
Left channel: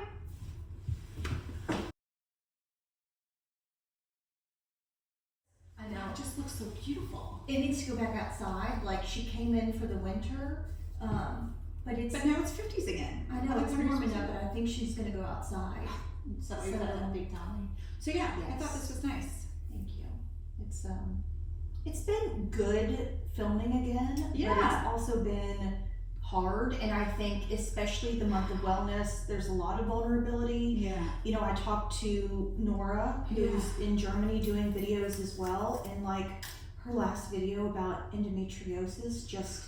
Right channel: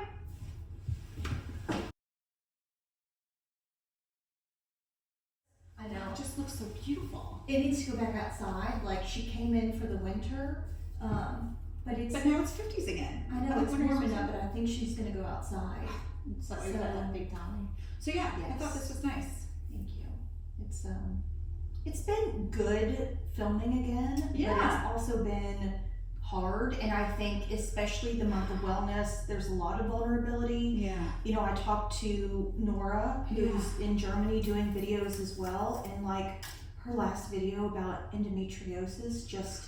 I know. It just looks so beautiful. It needs to go back outside. Like she came in for the winter, but now it's 50s again. I know Like, it's what are you warm supposed enough, to do? but I think she's gonna go outside. So you're that big dolly. So yeah, I thought this was nice. Thank you. It's been good filming again. Yeah. But it's also been hard, and I think especially the month of wellness, there's a lot of vulnerability. Yeah. You know, I talked to Nora, who's in Germany doing videos as well, and like her last video about endometriosis just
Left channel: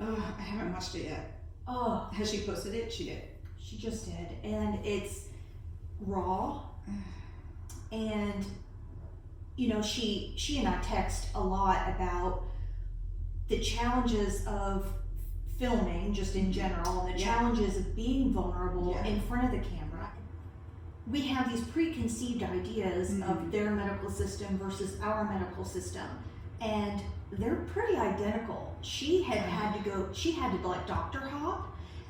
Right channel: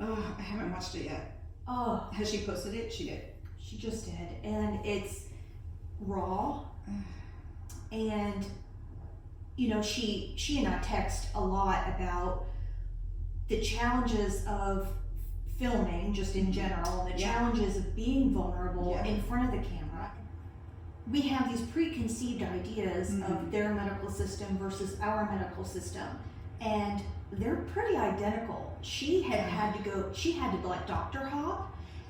I haven't watched it yet. Has she posted it? She did. She just did, and it's raw. And you know, she and I text a lot about the challenges of filming just in general, and the challenges of being vulnerable in front of the camera. We have these preconceived ideas of their medical system versus our medical system, and they're pretty identical. She had to like doctor hop,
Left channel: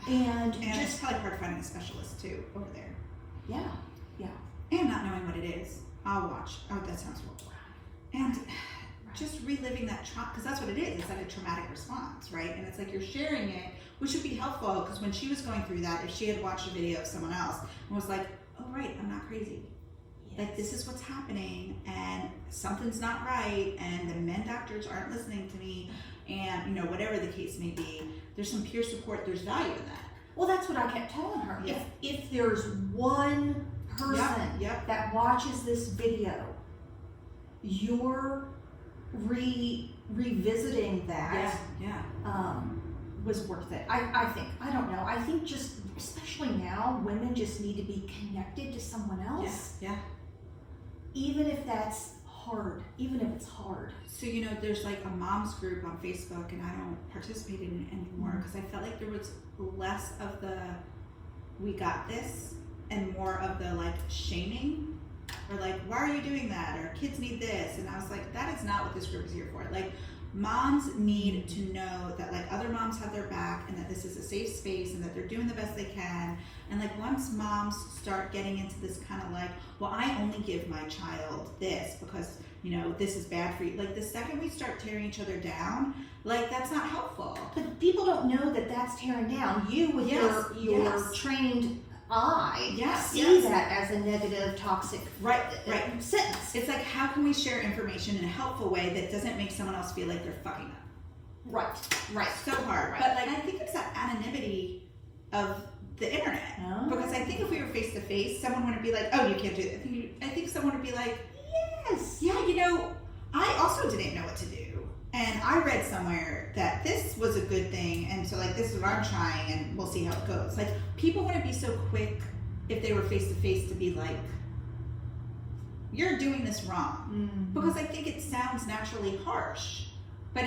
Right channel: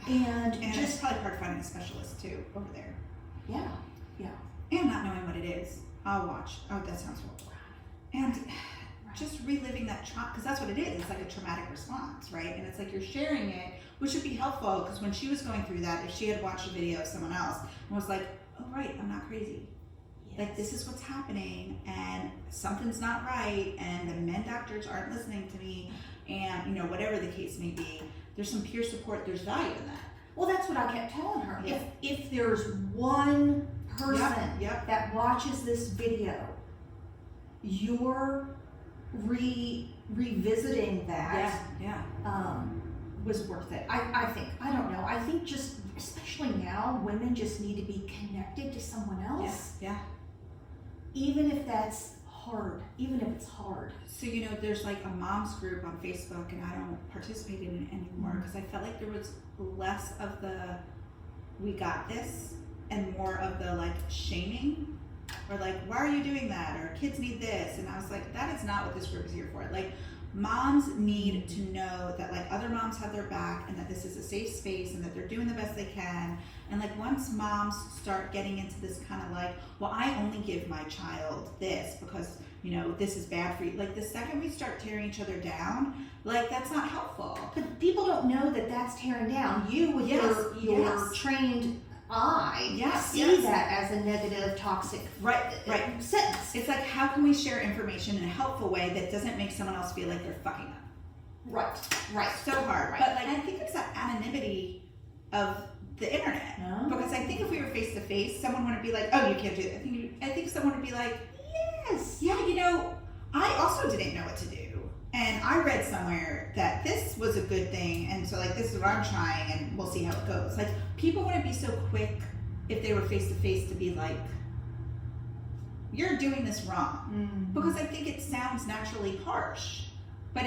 and And just it's probably hard finding a specialist too over there. Yeah. And not knowing what it is. I'll watch. Oh, that sounds horrible. And just reliving that trauma, because that's what it is. It's like a traumatic response, right? And it's like you're sharing it, which would be helpful, because when she was going through that, if she had watched a video of someone else and was like, oh, right, I'm not crazy. Like, this is what's happening, and something's not right, and the men doctors aren't listening to me, and, you know, whatever the case may be, there's some peer support, there's value in that. Well, that's what I kept telling her. Yeah. If there's one person Yep. that watches this video, you're revisiting that was worth it. I think. I don't know. I think just, especially now, women just need to be connected to someone else. Yeah. Even if that's hard. Even if it's hard. So, you know, there's like a mom's group on Facebook, and I don't participate in it anymore because I felt like there was less of the we got this and more of the like shaming, or like, why are you doing that, or kids need this. And I was like, that is not what this group is here for. Like, moms need to know that like other moms have their back, and that this is a safe space, and that they're doing the best they can. And like, once moms start getting into this kind of like, well, I only give my child this because, you know, this is bad for you. Like, the second we start tearing each other down, like, that's not helpful. But people don't know that that's tearing down. You with your trained eye see that as a negative, toxic sentence. It's like, how can we share information in a helpful way that doesn't make someone else feel like they're fucking up? Right. So hard. Right. But like, I think it's that anonymity of the internet. Because I think if we were face to face, someone wouldn't be like, oh, you can't do that. I think someone would be like, yes, yeah, you know, I also didn't know what to do. And I read somewhere that this was a good thing, and so like, this is what I'm trying, and we'll see how it goes. Like, people wouldn't be so quick if they were face to face to be like, you're doing this wrong. Because I think it sounds naturally harsh. But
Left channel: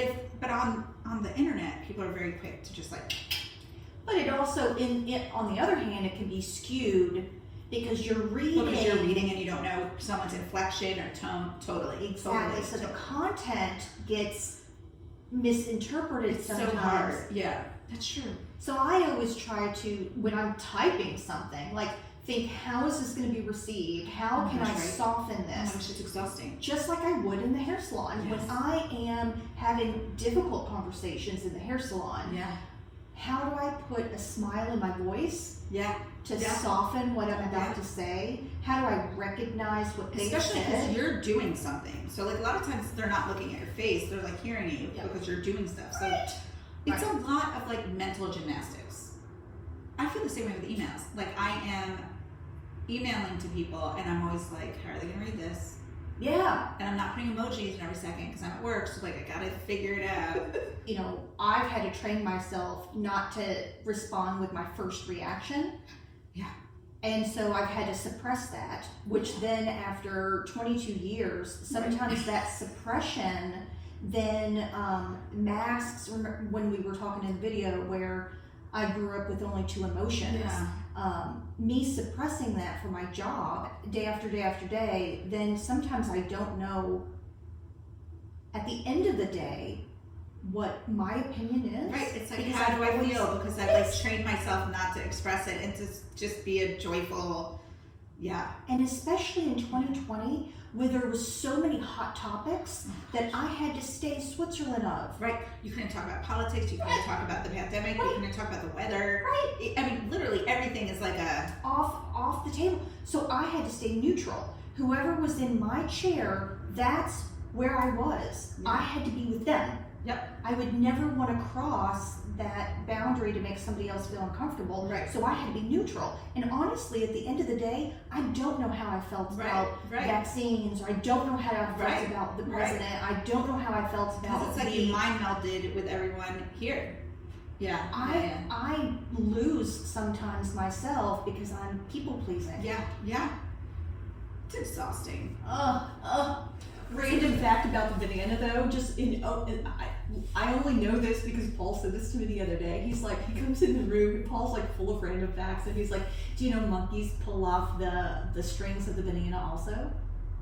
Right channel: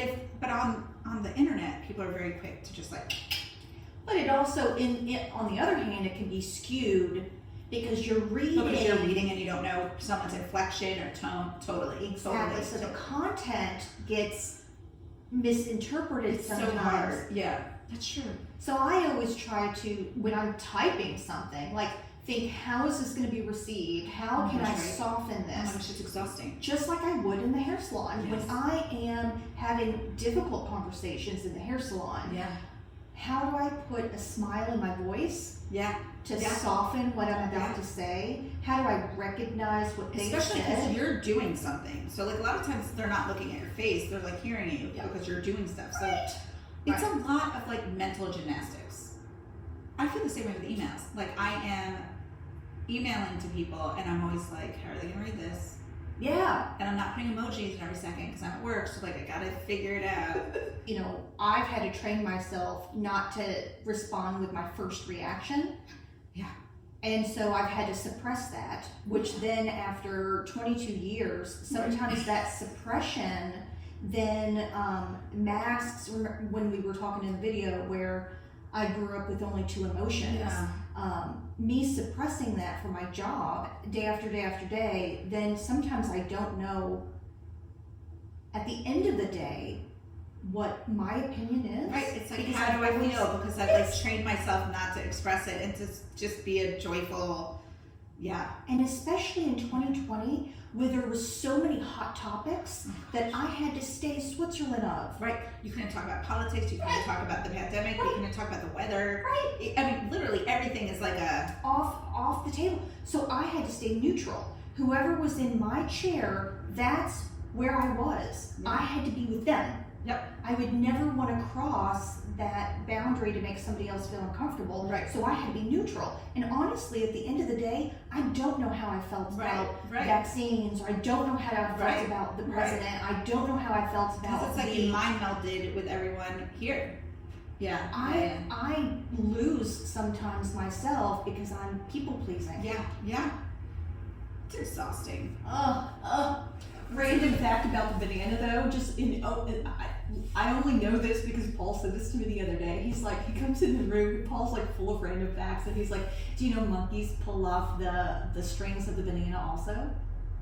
on the internet, people are very quick to just like. But it also, on the other hand, it can be skewed because you're reading. Because you're reading and you don't know someone's inflection or tone. Totally. Exactly. So the content gets misinterpreted sometimes. So hard. Yeah, that's true. So I always try to, when I'm typing something, like, think, how is this going to be received? How can I soften this? Oh my gosh, it's exhausting. Just like I would in the hair salon. Yes. When I am having difficult conversations in the hair salon, how do I put a smile in my voice to soften what I'm about to say? How do I recognize what they said? Especially because you're doing something. So like, a lot of times they're not looking at your face, they're like hearing you because you're doing stuff. So it's a lot of like mental gymnastics. I feel the same way with emails. Like, I am emailing to people and I'm always like, how are they gonna read this? Yeah. And I'm not putting emojis in every second because I'm at work, so like, I gotta figure it out. You know, I've had to train myself not to respond with my first reaction. Yeah. And so I've had to suppress that, which then after 22 years, sometimes that suppression then masks, when we were talking in the video where I grew up with only 2 emotions. Me suppressing that for my job day after day after day, then sometimes I don't know at the end of the day what my opinion is. Right, it's like, how do I feel? Because I've like trained myself not to express it and to just be a joyful, And especially in 2020, where there was so many hot topics that I had to stay Switzerland of. Right, you couldn't talk about politics, you couldn't talk about the pandemic, you couldn't talk about the weather. Right. I mean, literally everything is like a... Off the table. So I had to stay neutral. Whoever was in my chair, that's where I was. I had to be with them. Yep. I would never want to cross that boundary to make somebody else feel uncomfortable. Right. So I had to be neutral. And honestly, at the end of the day, I don't know how I felt about vaccines, or I don't know how I felt about the president. I don't know how I felt about it's like you mind melded with everyone here. Yeah. I lose sometimes myself because I'm people pleasing. Yeah. It's exhausting. Random fact about the banana though, I only know this because Paul said this to me the other day. He's like, he comes in the room, Paul's like full of random facts, and he's like, do you know monkeys pull off the strings of the banana also?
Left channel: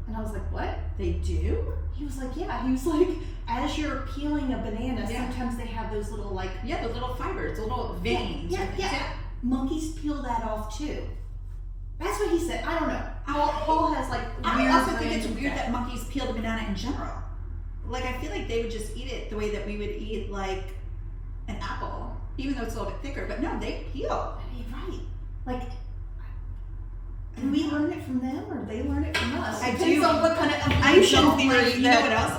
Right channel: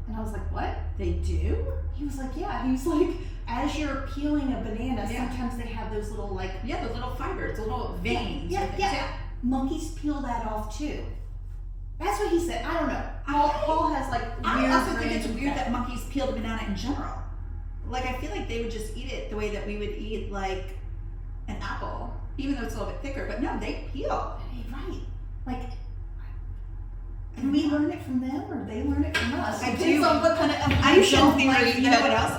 And I was like, what? They do? He was like, yeah. He was like, as you're peeling a banana, sometimes they have those little like... the little fibers, the little veins. Yeah. Monkeys peel that off too. That's what he said. I don't know. Paul has like. I also think weird it's ways weird with that monkeys peel the banana in general. Like, I feel like they would just eat it the way that we would eat, like, an apple, even though it's a little bit thicker. But no, they peel. Right. Like, do we learn it from them or they learn it from us? I Depends do. on what kind of I evolution don't theory like, you know what else?